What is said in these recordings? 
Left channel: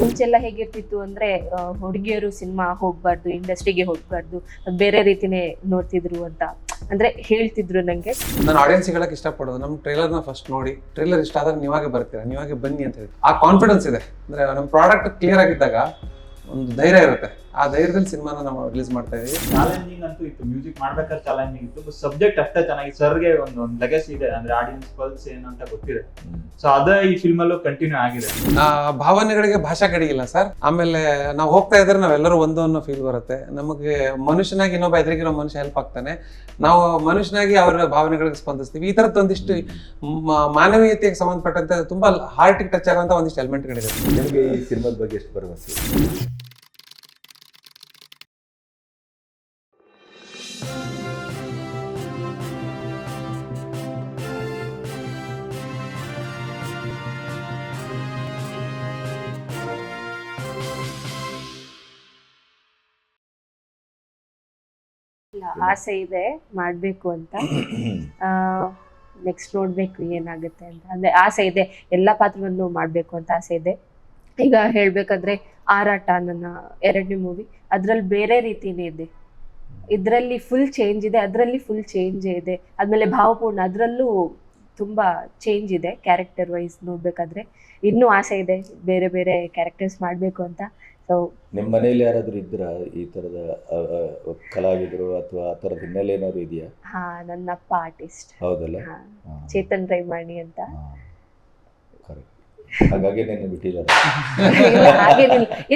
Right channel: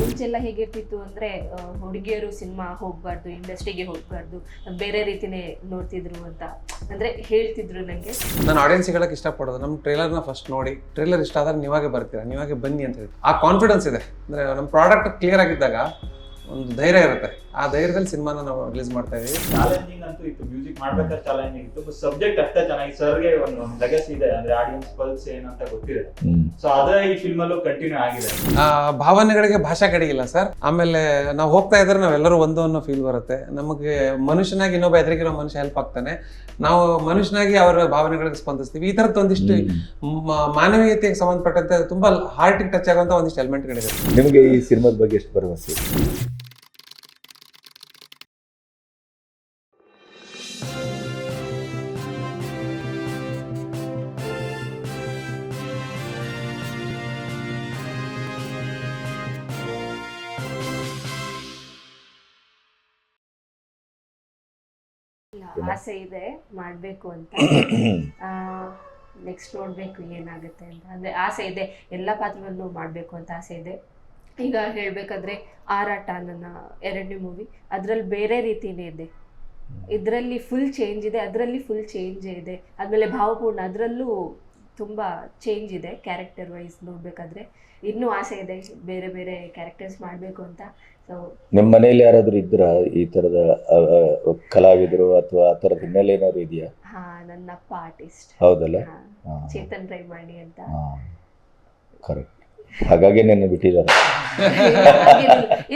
ಮುಂಚೆಲ್ಲ ಹೇಗಿರ್ತಿತ್ತು ಅಂದ್ರೆ ಹುಡುಗಿಯರು ಸಿನಿಮಾ ಹೋಗ್ಬಾರ್ದು, ಇಂಡಸ್ಟ್ರಿಗೆ ಹೋಗ್ಬಾರ್ದು, ಬೇರೆ ರೀತಿನೇ ನೋಡ್ತಿದ್ರು ಅಂತ, ಅಂದ್ರೆ ಹೇಳ್ತಿದ್ರು ನಂಗೆ. ನಾನು ಆಡಿಯನ್ಸ್ ಹೇಳಕ್ ಇಷ್ಟಪಡೋದು ನಮ್ಮ ಟ್ರೇಲರ್ನ ಫಸ್ಟ್ ನೋಡಿ. ಟ್ರೇಲರ್ ಇಷ್ಟ ಆದ್ರೆ ನೀವಾಗೆ ಬರ್ತೀರಾ ನೀವಾಗೆ ಬನ್ನಿ ಅಂತ ಹೇಳಿ. ಆ ಕಾನ್ಫಿಡೆನ್ಸ್ ಇದೆ. ಅಂದ್ರೆ, ನಮ್ಮ ಪ್ರಾಡಕ್ಟ್ ಕ್ಲಿಯರ್ ಆಗಿದ್ದಾಗ ಒಂದು ಧೈರ್ಯ ಇರುತ್ತೆ. ಆ ಧೈರ್ಯದಲ್ಲಿ ಸಿನಿಮಾನ ನಾವು ರಿಲೀಸ್ ಮಾಡ್ತಾ ಇದೀವಿ. ಚಾಲೆಂಜಿಂಗ್ ಅಂತೂ ಇತ್ತು. ಮ್ಯೂಸಿಕ್ ಮಾಡ್ಬೇಕಾದ್ರೆ ಚಾಲೆಂಜಿಂಗ್ ಇತ್ತು. ಬಟ್ ಸಬ್ಜೆಕ್ಟ್ ಅಷ್ಟೇ ಚೆನ್ನಾಗಿ ಸರ್ಗೆ ಒಂದು ಒಂದು ಲಗೇಜ್ ಇದೆ. ಅಂದ್ರೆ ಆಡಿಯನ್ಸ್ ಪಲ್ಸ್ ಏನಂತ ಗೊತ್ತಿದೆ. ಸೊ ಅದೇ ಈ ಫಿಲ್ಮ್ ಅಲ್ಲೂ ಕಂಟಿನ್ಯೂ ಆಗಿದೆ. ಆ ಭಾವನೆಗಳಿಗೆ ಭಾಷೆ ಕಡಿಗಿಲ್ಲ ಸರ್. ಆಮೇಲೆ ನಾವು ಹೋಗ್ತಾ ಇದ್ರೆ ನಾವೆಲ್ಲರೂ ಒಂದು ಅನ್ನೋ ಫೀಲ್ ಬರುತ್ತೆ. ನಮಗೆ ಮನುಷ್ಯನಾಗಿ ಇನ್ನೊಬ್ಬ ಎದುರಿಗಿರೋ ಮನುಷ್ಯ ಹೆಲ್ಪ್ ಆಗ್ತಾನೆ. ನಾವು ಮನುಷ್ಯನಾಗಿ ಅವರ ಭಾವನೆಗಳಿಗೆ ಸ್ಪಂದಿಸ್ತೀವಿ. ಈ ಥರದ್ದು ಒಂದಿಷ್ಟು ಮಾನವೀಯತೆಗೆ ಸಂಬಂಧಪಟ್ಟಂತೆ ತುಂಬಾ ಹಾರ್ಟಿಗೆ ಟಚ್ ಆಗುವಂತ ಒಂದಿಷ್ಟು ಎಲಿಮೆಂಟ್ಗಳಿದೆ ನಿಮಗೆ ಈ ಸಿನಿಮಾದ ಬಗ್ಗೆ ಎಷ್ಟು ಭರವಸೆ? ಆಸೆ ಇದೆ ಮಾಡ್ಬೇಕು ಅಂತ. ನೆಕ್ಸ್ಟ್ ನೋಡ್ಬೇಕು ಏನಾಗುತ್ತೆ ಅಂತ. ಅಂದ್ರೆ ಆಸೆ ಇದೆ ಎಲ್ಲ ಪಾತ್ರವನ್ನು ಮಾಡ್ಬೇಕು ಅಂತ ಆಸೆ ಇದೆ. ಈಗ ಹೇಳ್ಬೇಕಂದ್ರೆ ಆರಾಟ ನನ್ನ ಎರಡನೇ ಮೂವಿ ಅದರಲ್ಲಿ ಬೇರೆ ರೀತಿನೇ ಇದೆ. ಇದರಲ್ಲಿ ಫುಲ್ ಚೇಂಜ್ ಇದೆ ಅದರಲ್ಲಿ ಫುಲ್ ಚೇಂಜ್ ಇದೆ. ಆದ್ಮೇಲೆ ಭಾವಪೂರ್ಣ ಅದರಲ್ಲೂ ತುಂಬಾ ಚೇಂಜ್ ಇದೆ ಕ್ಯಾರೆಕ್ಟರ್ ವೈಸ್ ನೋಡ್ಬೇಕಾದ್ರೆ. ಇನ್ನೂ ಆಸೆ ಇದೆ ಬೇರೆ ಬೇರೆ ಕ್ಯಾರೆಕ್ಟರ್ಸ್ ಮಾಡಬೇಕು ಅಂತ. ಸೊ ನಿಮ್ಮ ಮನೆಯಲ್ಲಿ ಯಾರಾದರೂ ಇದ್ರ ಈ ತರದ ಕಲಾವಿದರು ಅಥವಾ ಆ ತರದ ಹಿನ್ನೆಲೆ ಏನಾದ್ರು ಇದೆಯಾ? ಹಾ ನನ್ನ ಅಪ್ಪ ಆರ್ಟಿಸ್ಟ್. ಹೌದಲ್ಲ? ಚೇತನ್ ರೈಮಾಣಿ ಅಂತ. ಕರೆಕ್ಟ್ ಹಾಗಾಗಿ ನೆನ್ನೆ ಬಿಟ್ಟಿದ್ದಾರೆ.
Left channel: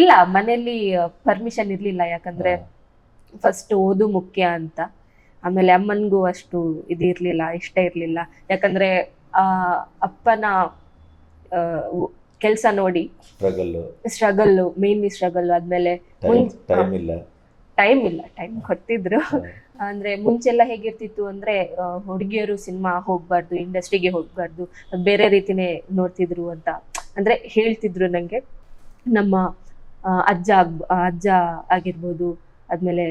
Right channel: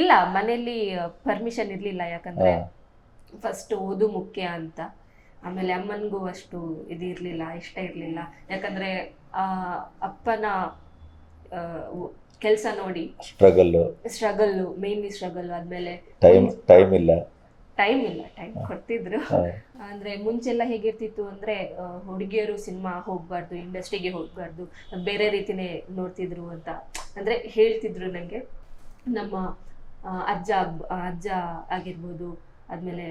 ಇಲ್ಲ ಮನೆಯಲ್ಲಿ ಪರ್ಮಿಷನ್ ಇರ್ಲಿಲ್ಲ. ಯಾಕಂದ್ರೆ ಫಸ್ಟ್ ಓದು ಮುಖ್ಯ ಅಂತ. ಆಮೇಲೆ ಅಮ್ಮನಿಗೂ ಅಷ್ಟು ಇದಿರ್ಲಿಲ್ಲ ಇಷ್ಟ ಇರ್ಲಿಲ್ಲ. ಯಾಕಂದ್ರೆ ಆ ಅಪ್ಪನ ಕೆಲಸ ನೋಡಿ. ಸ್ಟ್ರಗಲ್ ಸ್ಟ್ರಗಲ್ ಮೇನ್ಲಿ ಸ್ಟ್ರಗಲ್ ಆದ್ಮೇಲೆ ಟೈಮ್ ಇಲ್ಲ. ಟೈಮ್ ಇಲ್ಲ ಟೈಮ್ ಕೊಡ್ತಿದ್ರು. ಅಂದ್ರೆ ಮುಂಚೆಲ್ಲ ಹೇಗಿರ್ತಿತ್ತು ಅಂದ್ರೆ ಹುಡುಗಿಯರು ಸಿನಿಮಾ ಹೋಗ್ಬಾರ್ದು ಇಂಡಸ್ಟ್ರಿಗೆ ಹೋಗ್ಬಾರ್ದು ಬೇರೆ ರೀತಿನೇ ನೋಡ್ತಿದ್ರು ಅಂತ. ಅಂದ್ರೆ ಹೇಳ್ತಿದ್ರು ನಂಗೆ. ನಮ್ಮ ಅಜ್ಜ ಅಜ್ಜ ಆಗಿರ್ಬೋದು ಆದ್ಮೇಲೆ